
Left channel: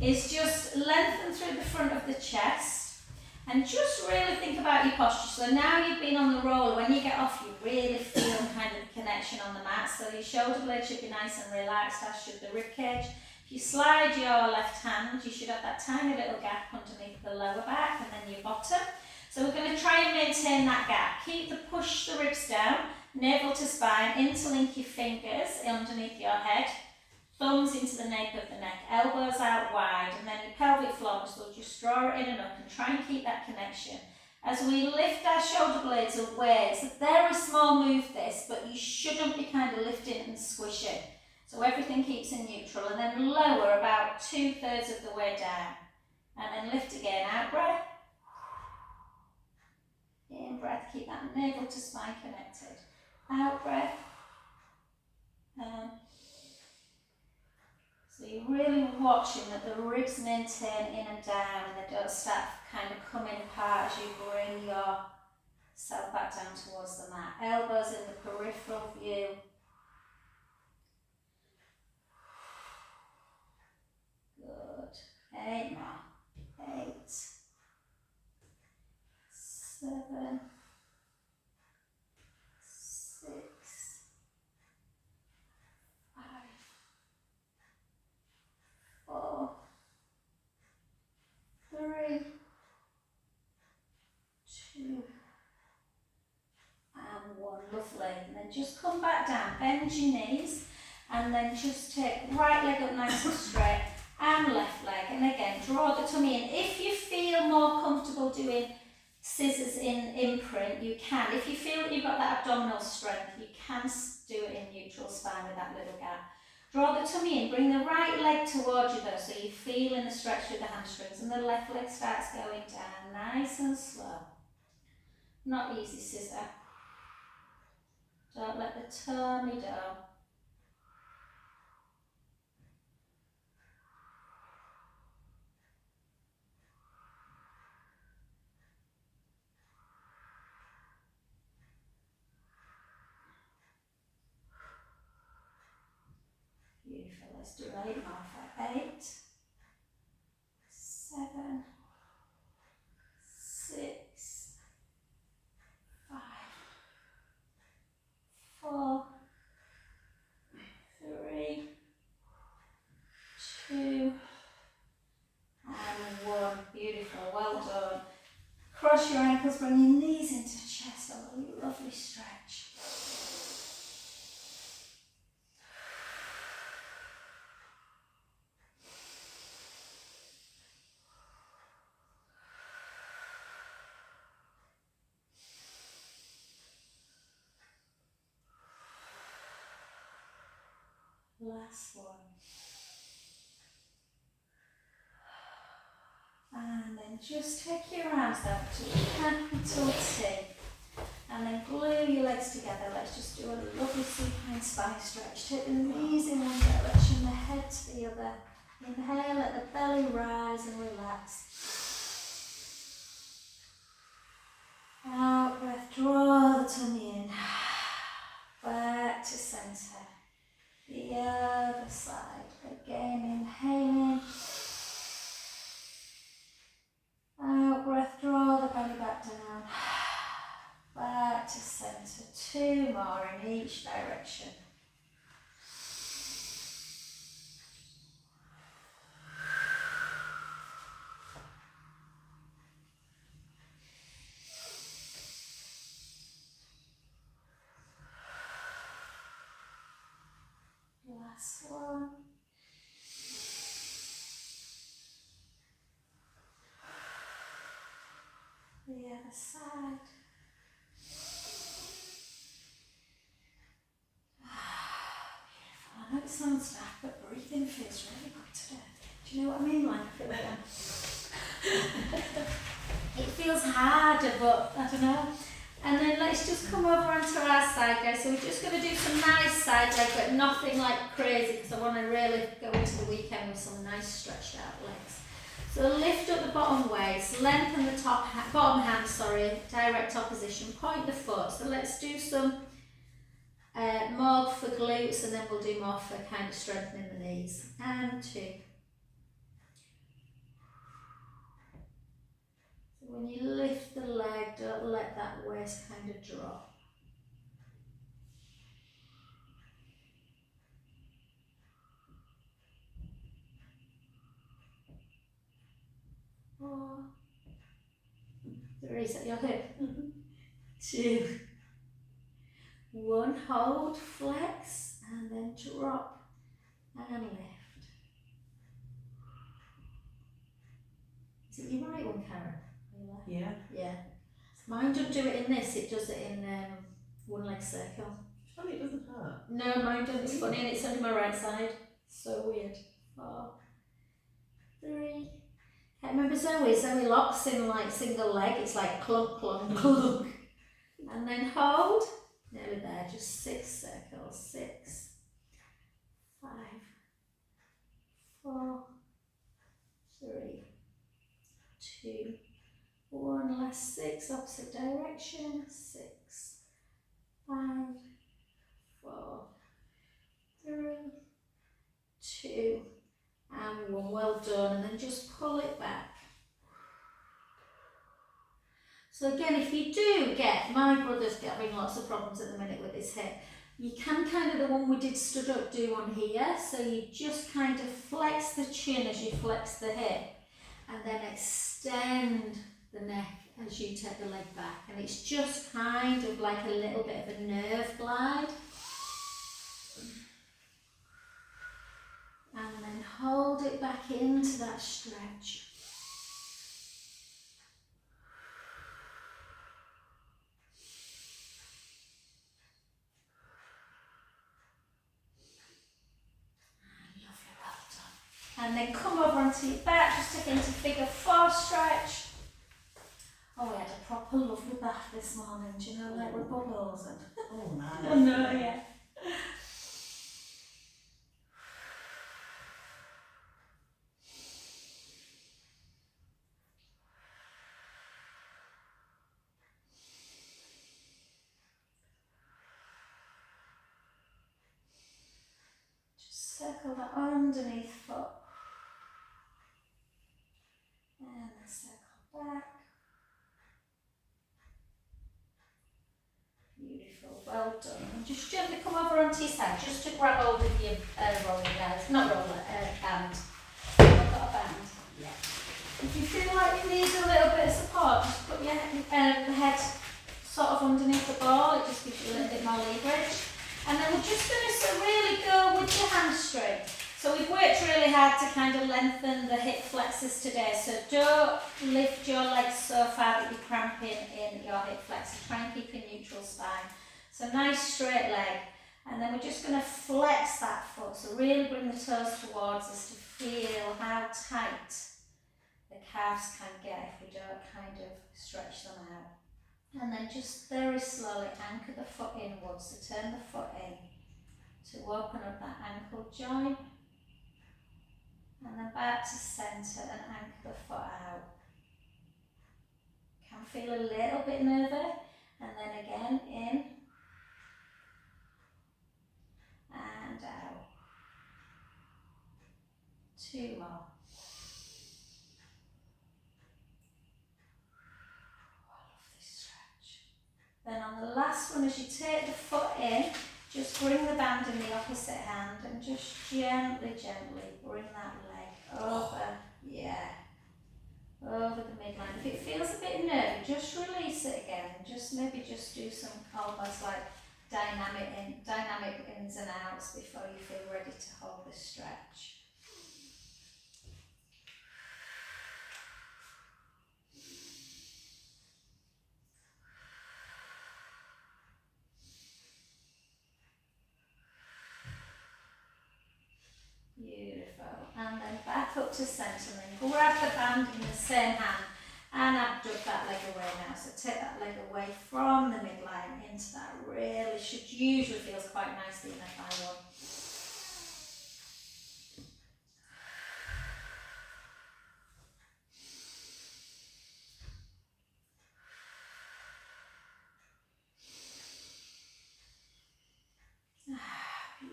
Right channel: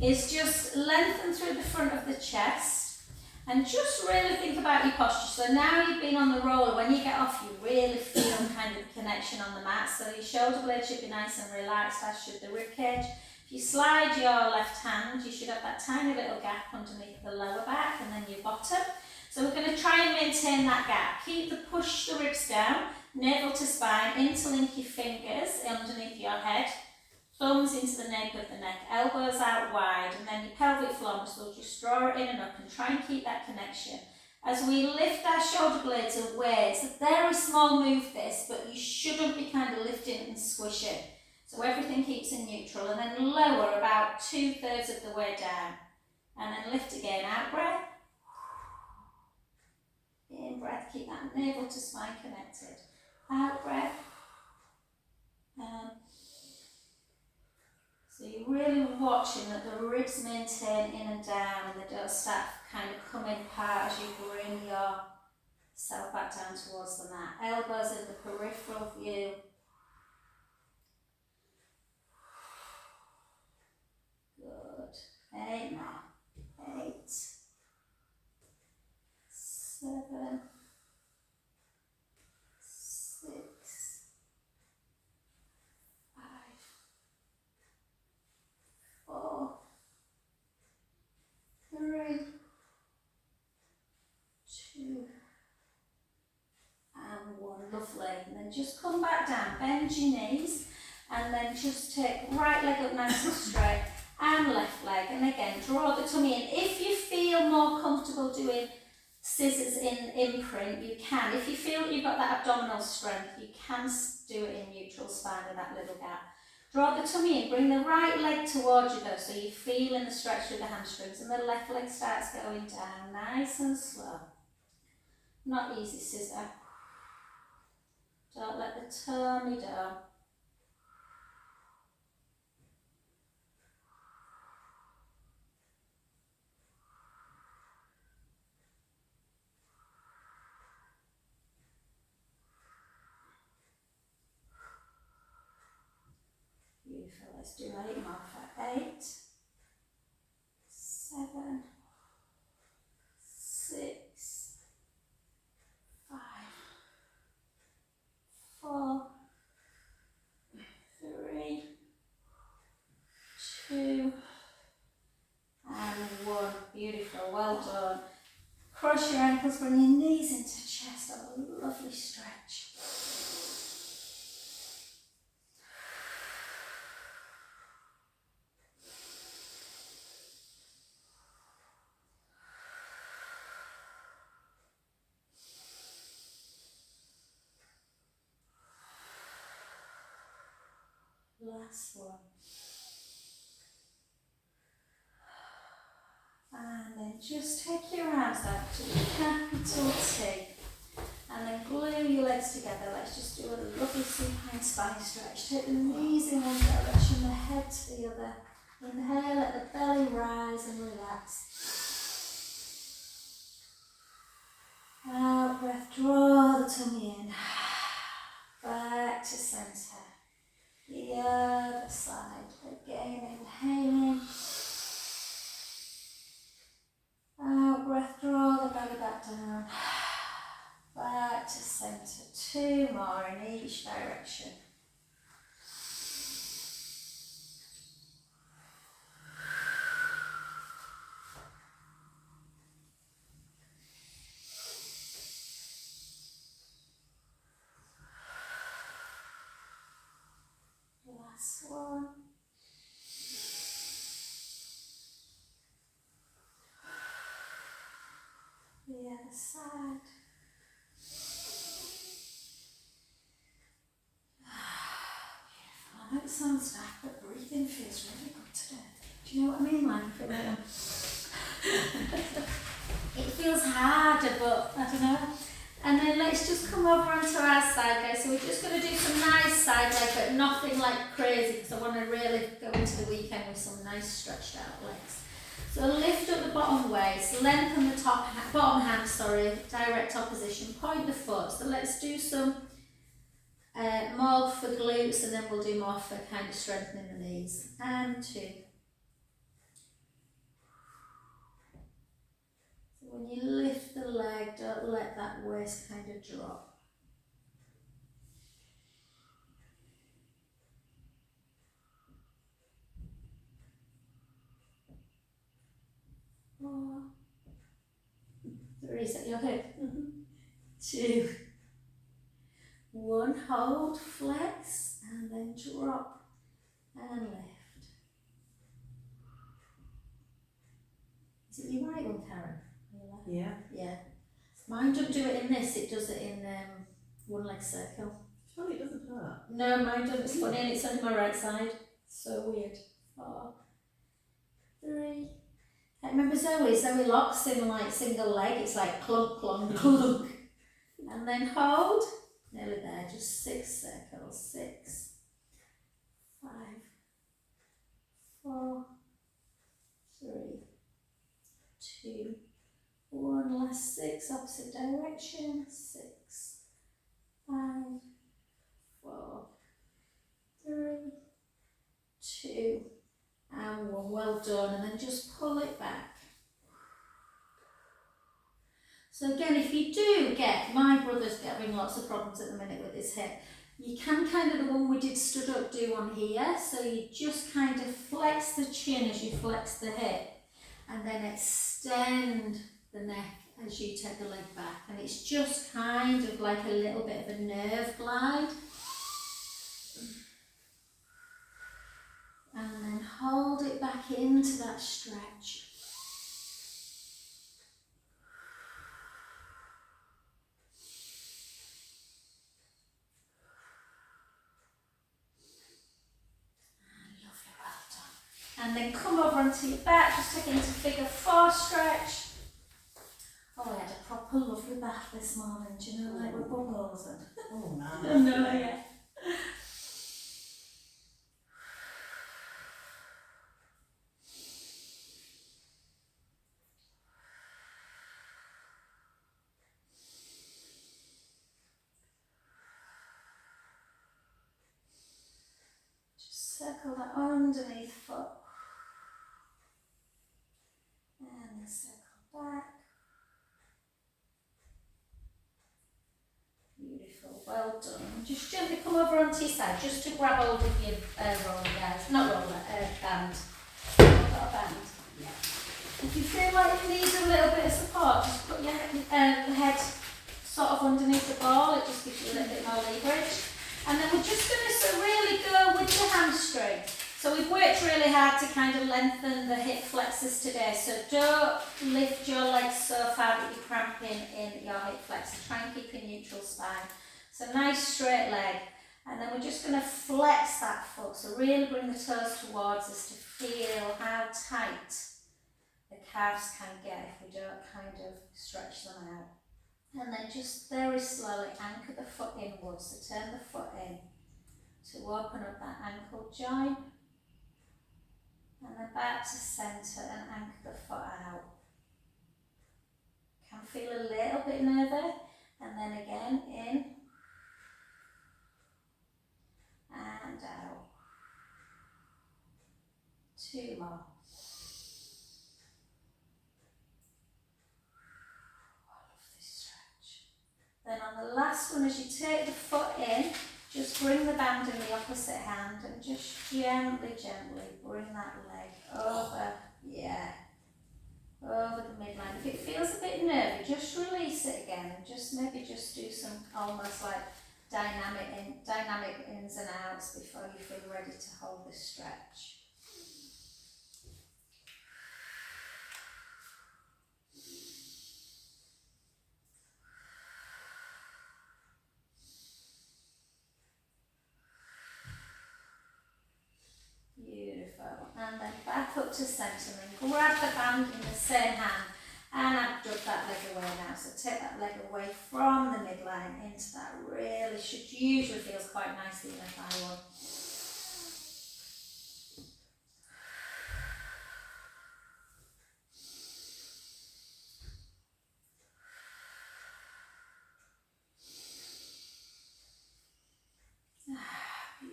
is just lengthen through the front of the chest and just really think about your posture. So now you've been on the roller, when you get off, you really feel kind of the connection on the mat. So your shoulder blade should be nice and relaxed, as should the rib cage. If you slide your left hand, you should have that tiny little gap underneath the lower back and then your bottom. So we're going to try and maintain that gap. Push the ribs down, navel to spine, interlink your fingers underneath your head, thumbs into the nape of the neck, elbows out wide, and then your pelvic floor muscle, just draw it in and up and try and keep that connection. As we lift our shoulder blades away, it's a very small move this, but you shouldn't be kind of lifting and squishing. So everything keeps in neutral, and then lower about 2/3 of the way down. And then lift again, out breath. In breath, keep that navel to spine connected. Out breath. So you're really watching that the ribs maintain in and down, and they don't start kind of coming apart as you bring yourself back down towards the mat. Elbows in the peripheral view. Good. 8 more. 8, 7, 6, 5, 4, 3, 2, and 1. Lovely. And then just come back down, bend your knees, and then just take right leg up nice and straight, and left leg. And again, draw the tummy in. If you feel more comfortable doing scissors in imprint, you can. If you feel that you've got that abdominal strength, you can do it in neutral spine with that little gap. Draw the tummy in, bring the right leg towards you though, so you're feeling the stretch through the hamstrings, and the left leg starts going down, nice and slow. Not easy scissor. Don't let the tummy down. Beautiful. Let's do 8 more. 8, 7, 6, 5, 4, 3, 2, and 1. Beautiful. Well done. Cross your ankles, bring your knees into chest. Have a lovely stretch. Last one. And then just take your arms out to capital T. And then glue your legs together. Let's just do a lovely supine spine stretch. Take the knees in one direction, the head to the other. Inhale, let the belly rise and relax. Out breath, draw the tummy in. Back to centre. The other side. Again, inhaling. Out breath, draw the belly back down. Back to centre. 2 more in each direction. Last one. The other side. I know it sounds bad, but breathing feels really good today. Do you know what I mean? Like, it feels harder, but I don't know. And then let's just come over onto our side, guys. So we're just going to do some nice side leg, but nothing like crazy, because I want to really go into the weekend with some nice stretched out legs. So lift up the bottom waist, lengthen the bottom hand, direct opposition, point the foot. So let's do some more for glutes, and then we'll do more for kind of strengthening the knees. And 2. So when you lift the leg, don't let that waist kind of drop. 4. 3, set your hip. 2. 1, hold, flex, and then drop and lift. Is it your right one, Karen? Yeah. Yeah. Mine doesn't do it in this, it does it in one leg circle. Oh, it doesn't hurt. No, mine doesn't. It's funny, and it's only my right side. So weird. 4, 3. I remember Zoe locks in like single leg, it's like clunk, clunk, clunk. And then hold. Nearly there, just 6 circles. 6, 5, 4, 3, 2, 1. Last 6, opposite direction. 6, 5, 4, 3, 2, and 1. Well done. And then just pull it back. So again, if you do get, my brother's having lots of problems at the minute with his hip, you can kind of, the one we did stood up, do on here. So you just kind of flex the chin as you flex the hip, and then extend the neck as you take the leg back. And it's just kind of like a little bit of a nerve glide. And then hold it back into that stretch. And then come over onto your back, just again to figure 4 stretch. Oh, we had a proper lovely bath this morning, do you know, like with bubbles and... Oh, nice. I know, yeah. Just circle that underneath foot. And then circle back. Beautiful, well done. Just gently come over onto your side, just to grab hold of your roller, guys. Not roller, band. I've got a band. Yeah. If you feel like you need a little bit of support, just put your head sort of underneath the ball. It just gives you a little bit more leverage. And then we're just going to really go with your hamstring. So we've worked really hard to kind of lengthen the hip flexors today. So don't lift your legs so far that you're cramping in your hip flexors. Try and keep a neutral spine. So nice straight leg. And then we're just going to flex that foot. So really bring the toes towards us to feel how tight the calves can get if we don't kind of stretch them out. And then just very slowly anchor the foot inwards, so turn the foot in to open up that ankle joint. And then back to centre and anchor the foot out. Can feel a little bit nervy, and then again in and out. 2 more. I love this stretch. Then on the last one, as you take the foot in, just bring the band in the opposite hand and just gently, gently bring that leg over, over the midline. If it feels a bit nervy, just release it again and just maybe just do some almost like dynamic ins and outs before you feel ready to hold the stretch. Beautiful. And then back up to centre and then grab the band in the same hand and abduct that leg away now. So take that leg away from the midline into that really usually feels quite nicely in a thigh one.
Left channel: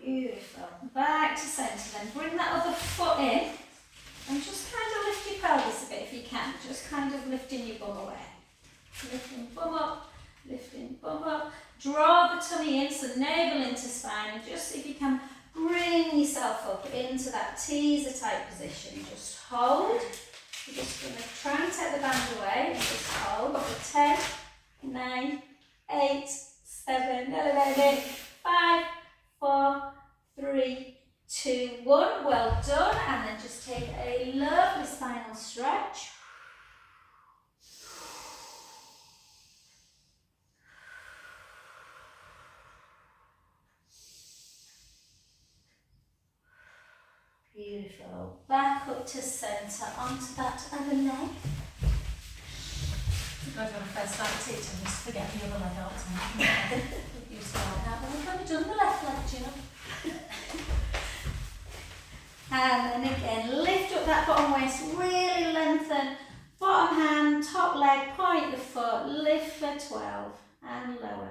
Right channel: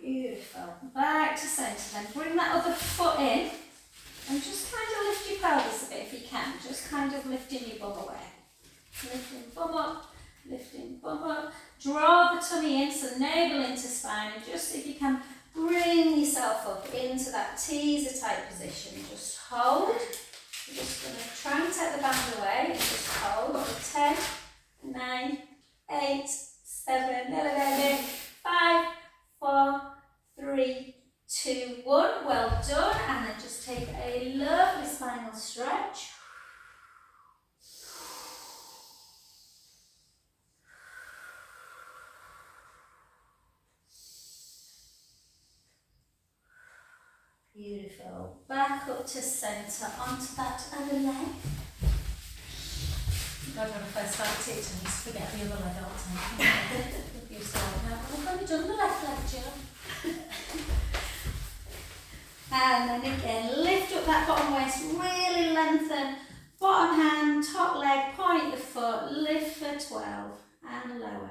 Beautiful. Back to centre then. Bring that other foot in and just kind of lift your pelvis a bit if you can. Just kind of lifting your bum away. Lifting bum up, lifting bum up. Draw the tummy in, so navel into spine, and just if you can bring yourself up into that teaser type position. Just hold. We're just going to try and take the band away. Just hold for 10, 9, 8, 7, 5, 4, 3, 2, 1. Well done. And then just take a lovely spinal stretch. Beautiful. Back up to centre, onto that other leg. I when I first started teaching, I used to forget the other leg all the time. You start out, well, I've only done the left leg, Jill. And then again, lift up that bottom waist, really lengthen. Bottom hand, top leg, point the foot, lift for 12 and lower.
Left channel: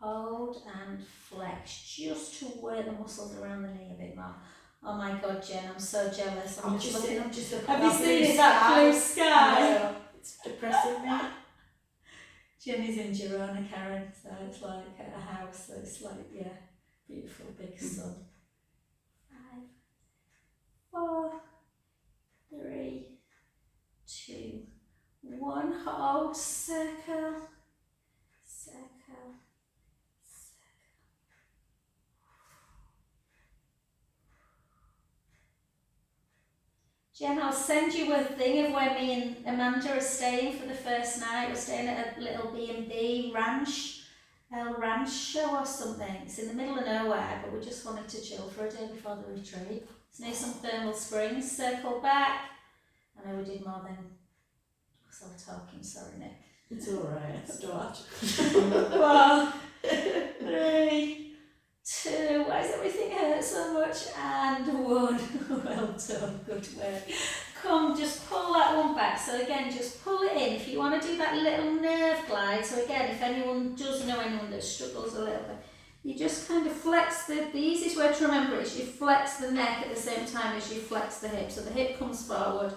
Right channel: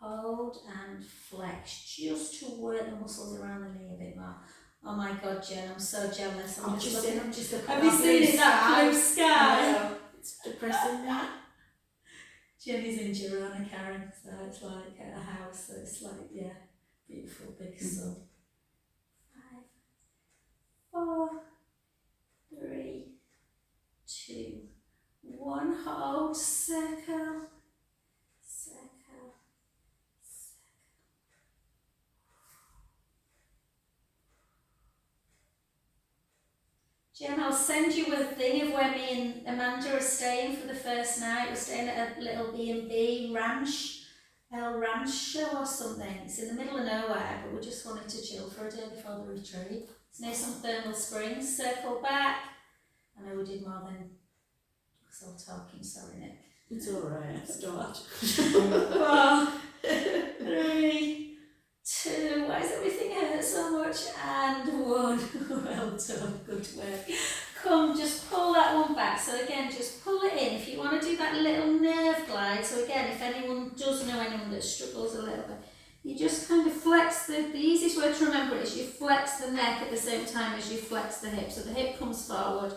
Hold and flex, just to work the muscles around the knee a bit more. Oh my God, Jen, I'm so jealous. I'm just looking. I'm just looking. Have you seen that blue sky? It's depressing me. Jenny's in Girona, Karen, so it's like at a house, so it's like, yeah, beautiful big sun. 5, 4, 3, 2, 1. Hold, circle, circle. Jen, I'll send you a thing of where me and Amanda are staying for the first night. We're staying at a little B&B ranch, El Rancho or something. It's in the middle of nowhere, but we just wanted to chill for a day before the retreat. It's near some thermal springs. Circle back. I know we did more than us all talking, sorry Nick. It's alright, start. 4, 3, 2, why does everything hurt so much? And 1. Well done, good work. Come, just pull that one back. So again, just pull it in. If you want to do that little nerve glide, so again, if anyone does know anyone that struggles a little bit, you just kind of flex the easiest way to remember it is you flex the neck at the same time as you flex the hip. So the hip comes forward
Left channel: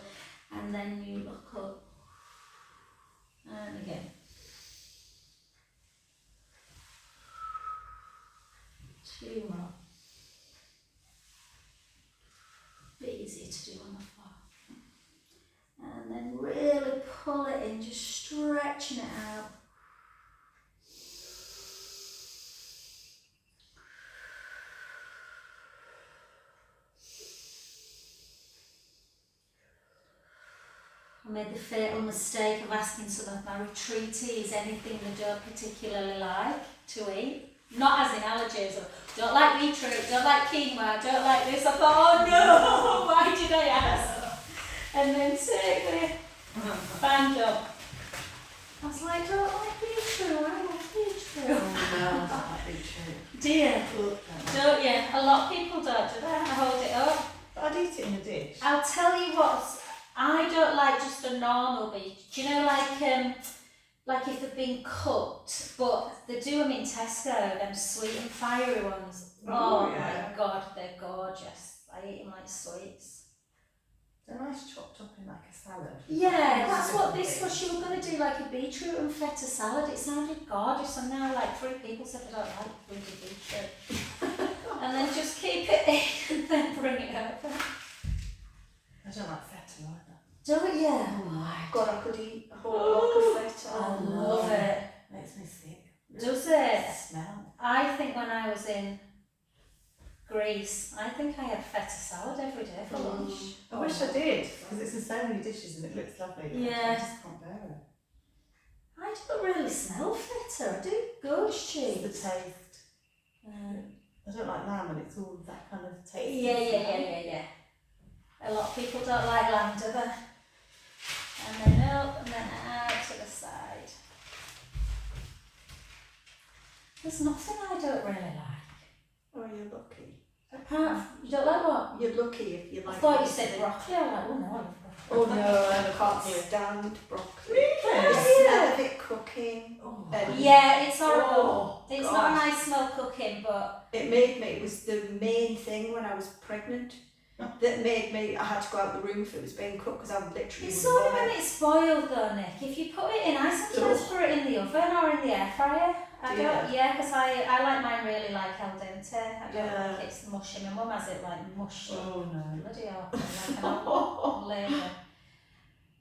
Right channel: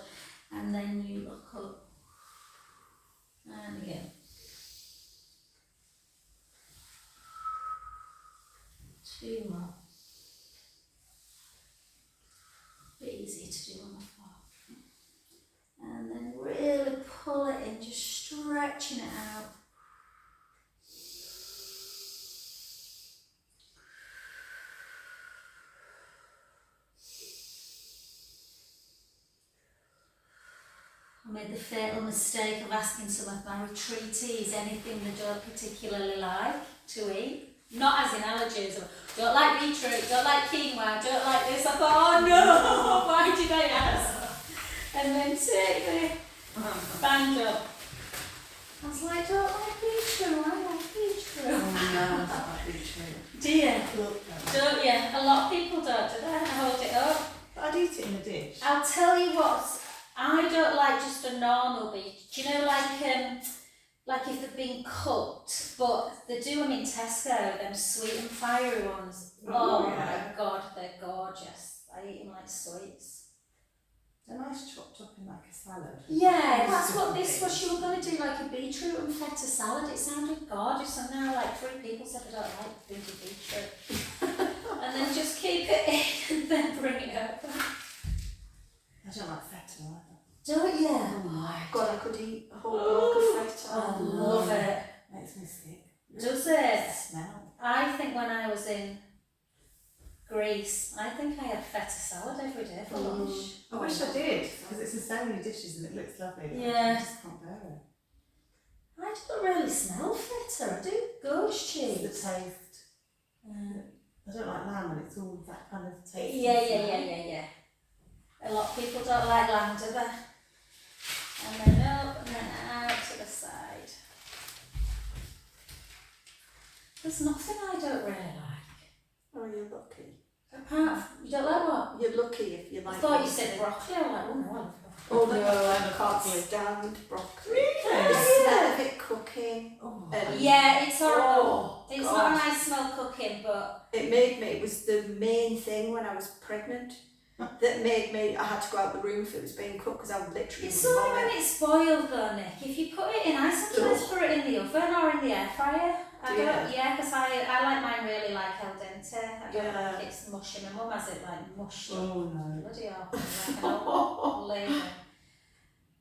and then you look up. And again. 2 more. Bit easier to do on the floor. And then really pull it in, just stretching it out. made the fatal mistake of asking some of my retreatees anything they don't particularly like to eat. Not as in allergies, or don't like beetroot, don't like quinoa, don't like this. I thought, oh no, why did I ask? And then totally banged up. I was like, don't like beetroot, I like beetroot. Oh no, I don't like beetroot. Do you? Good. Don't you? A lot of people don't, do they? I hold it up. But I'd eat it in a dish. I'll tell you what, I don't like just a normal beef. Do you know, like if they've been cooked, but they do them in Tesco, them sweet and fiery ones. Oh yeah. my God, they're gorgeous. I eat them like sweets. They're nice chopped up in like a salad. Yeah, that's what this was. You were going to do like a beetroot and feta salad. It sounded gorgeous, and now like 3 people said they don't like bloody beetroot. And then just keep it in and then bring it over. I don't like feta either. Don't you? Oh my God, I could eat a whole block of feta. I love it. Makes me sick. Does it? Smell. I think when I was in Greece, I think I had feta salad every day for lunch. I wish I did, because it's in so many dishes and it looks lovely. But Yeah. I just can't bear it. I don't really smell feta. I do goat's cheese. It's the taste. I don't like lamb and it's all that kind of taste. Yeah. A lot of people don't like lamb, do they? And then up and then out to the side. There's nothing I don't really like. Oh, you're lucky. Apart from, you don't like what? You're lucky if you like. I thought you said broccoli. I was like, oh no, I love broccoli. Oh no, I can't stand broccoli. Really? The smell of it cooking. Oh. Yeah, it's horrible. Oh, It's gosh. not a nice smell cooking, but It made me, it was the main thing when I was pregnant that made me, I had to go out the room if it was being cooked because I would literally it's only vomit. when it's spoiled though, Nick. If you put it in, I sometimes put it in the oven or in the air fryer. I don't, because I like mine really like al dente. I don't like it's mushy. My mum has it like mushy. Oh no. Bloody hell. Like an old lady.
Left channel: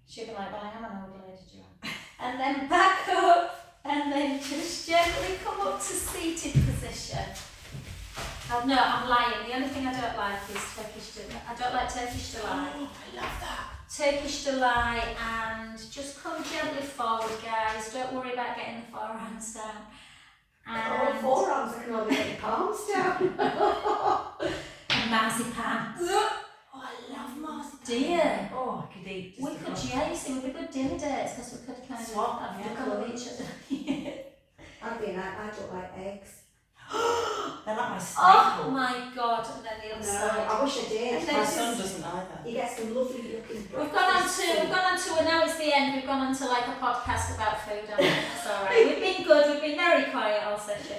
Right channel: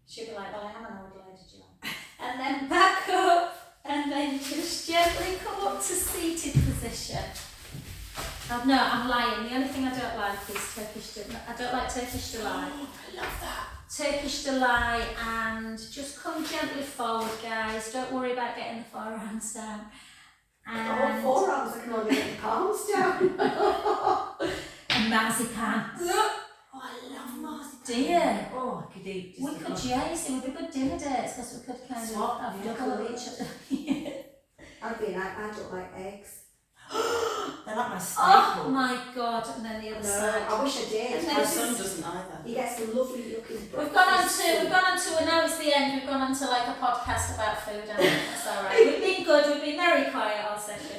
She'd be like, well, I am an old lady, do you want? And then back up and then just gently come up to seated position. No, I'm lying. The only thing I don't like is Turkish delight. I don't like Turkish delight. Oh, I love that. Turkish delight, and just come gently forward, guys. Don't worry about getting the forearms down. And Forearms, I can only get the palms down. and marzipan. Oh, I love marzipan. Do you? Oh, I could eat. We could, yeah, you see, we'd be good dinner dates because we could kind Swap, of have yeah. a look at each other. I'd be like, I don't like eggs. They're like my staple. Oh my God! And then the other side. I wish I did. And then My this son is- doesn't either. He gets some lovely looking We've gone on to, now it's the end, we've gone on to like a podcast about food, I think that's alright. We've been good, we've been very quiet all session.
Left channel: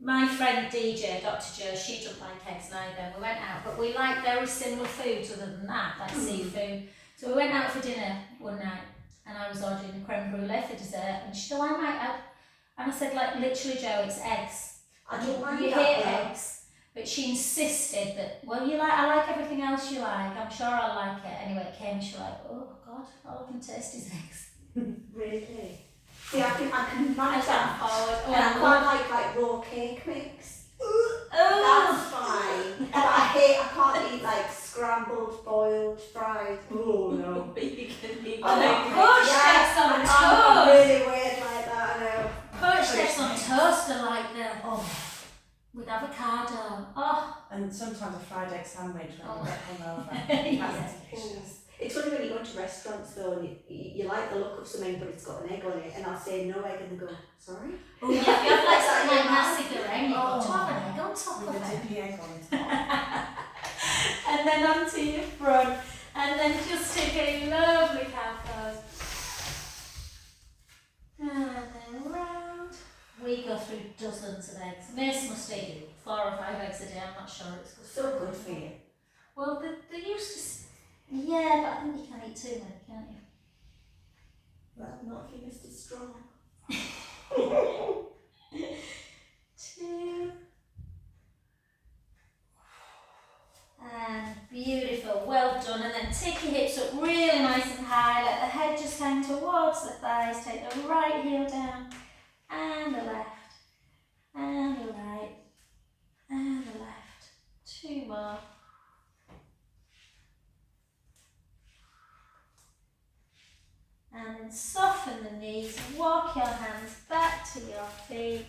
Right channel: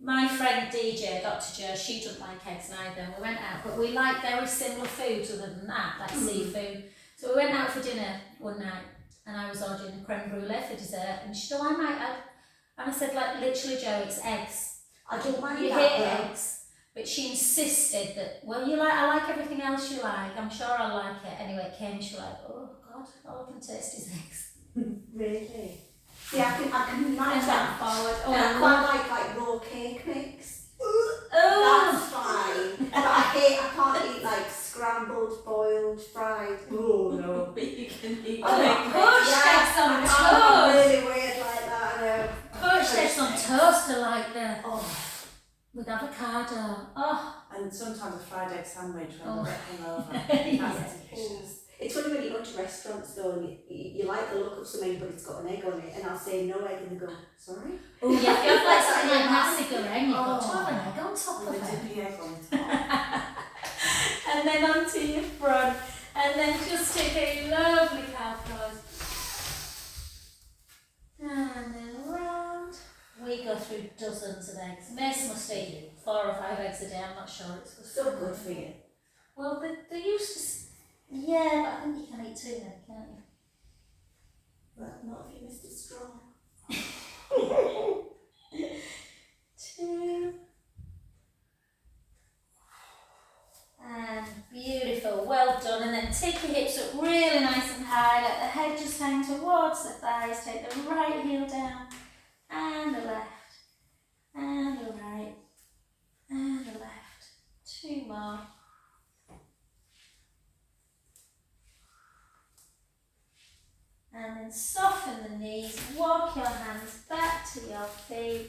My friend DJ, Dr. Jo, she doesn't like eggs neither, and we went out, but we like very similar foods other than that, like seafood. So we went out for dinner one night, and I was ordering a creme brulee for dessert, and she said, oh, I might have, and I said, like, literally, Jo, it's eggs. I don't mind You that, hate though. eggs. But she insisted that, well, I like everything else you like. I'm sure I'll like it. Anyway, it came and she was like, oh God, all I can taste is eggs. Really? See, I can And manage that. forward. And I Oh, quite like raw cake mix. oh. That's fine. But I can't eat like scrambled, boiled, fried. Oh no. You can eat I like know. poached eggs on I'm toast. really weird like that, I know. Poached eggs on toast are like that. Oh, with avocado. Oh. And sometimes a fried egg sandwich when Oh. I get hungover. Yeah. That's delicious. It's funny when you go to restaurants though and you like the look of something but it's got an egg on it and I'll say no egg and they go, sorry? Oh, yeah, if you have like something like nasi goreng, you've got to Oh. have an egg on top With of a it. dippy egg on top. And then onto your front, and then just take a lovely cow pose. And then round. We go through dozens of eggs. Mace must eat 4 or 5 eggs a day, I'm not sure it's good. So good for you. Well, they used to, yeah, but I think you can eat 2 then, can't you? Well, not if you're Mr. Strong. 2. And beautiful, well done. And then take your hips up really nice and high, let the head just hang towards the thighs, take the right heel down, and the left, and the right, and the left. 2 more. then soften the knees, walk your hands back to your feet,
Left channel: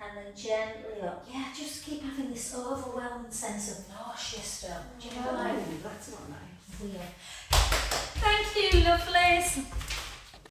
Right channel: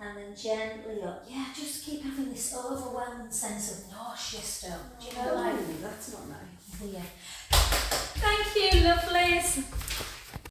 and then gently up. Yeah, just keep having this overwhelming sense of nausea still. Do you know, like, Oh, that's not nice. weird. Thank you, lovelies.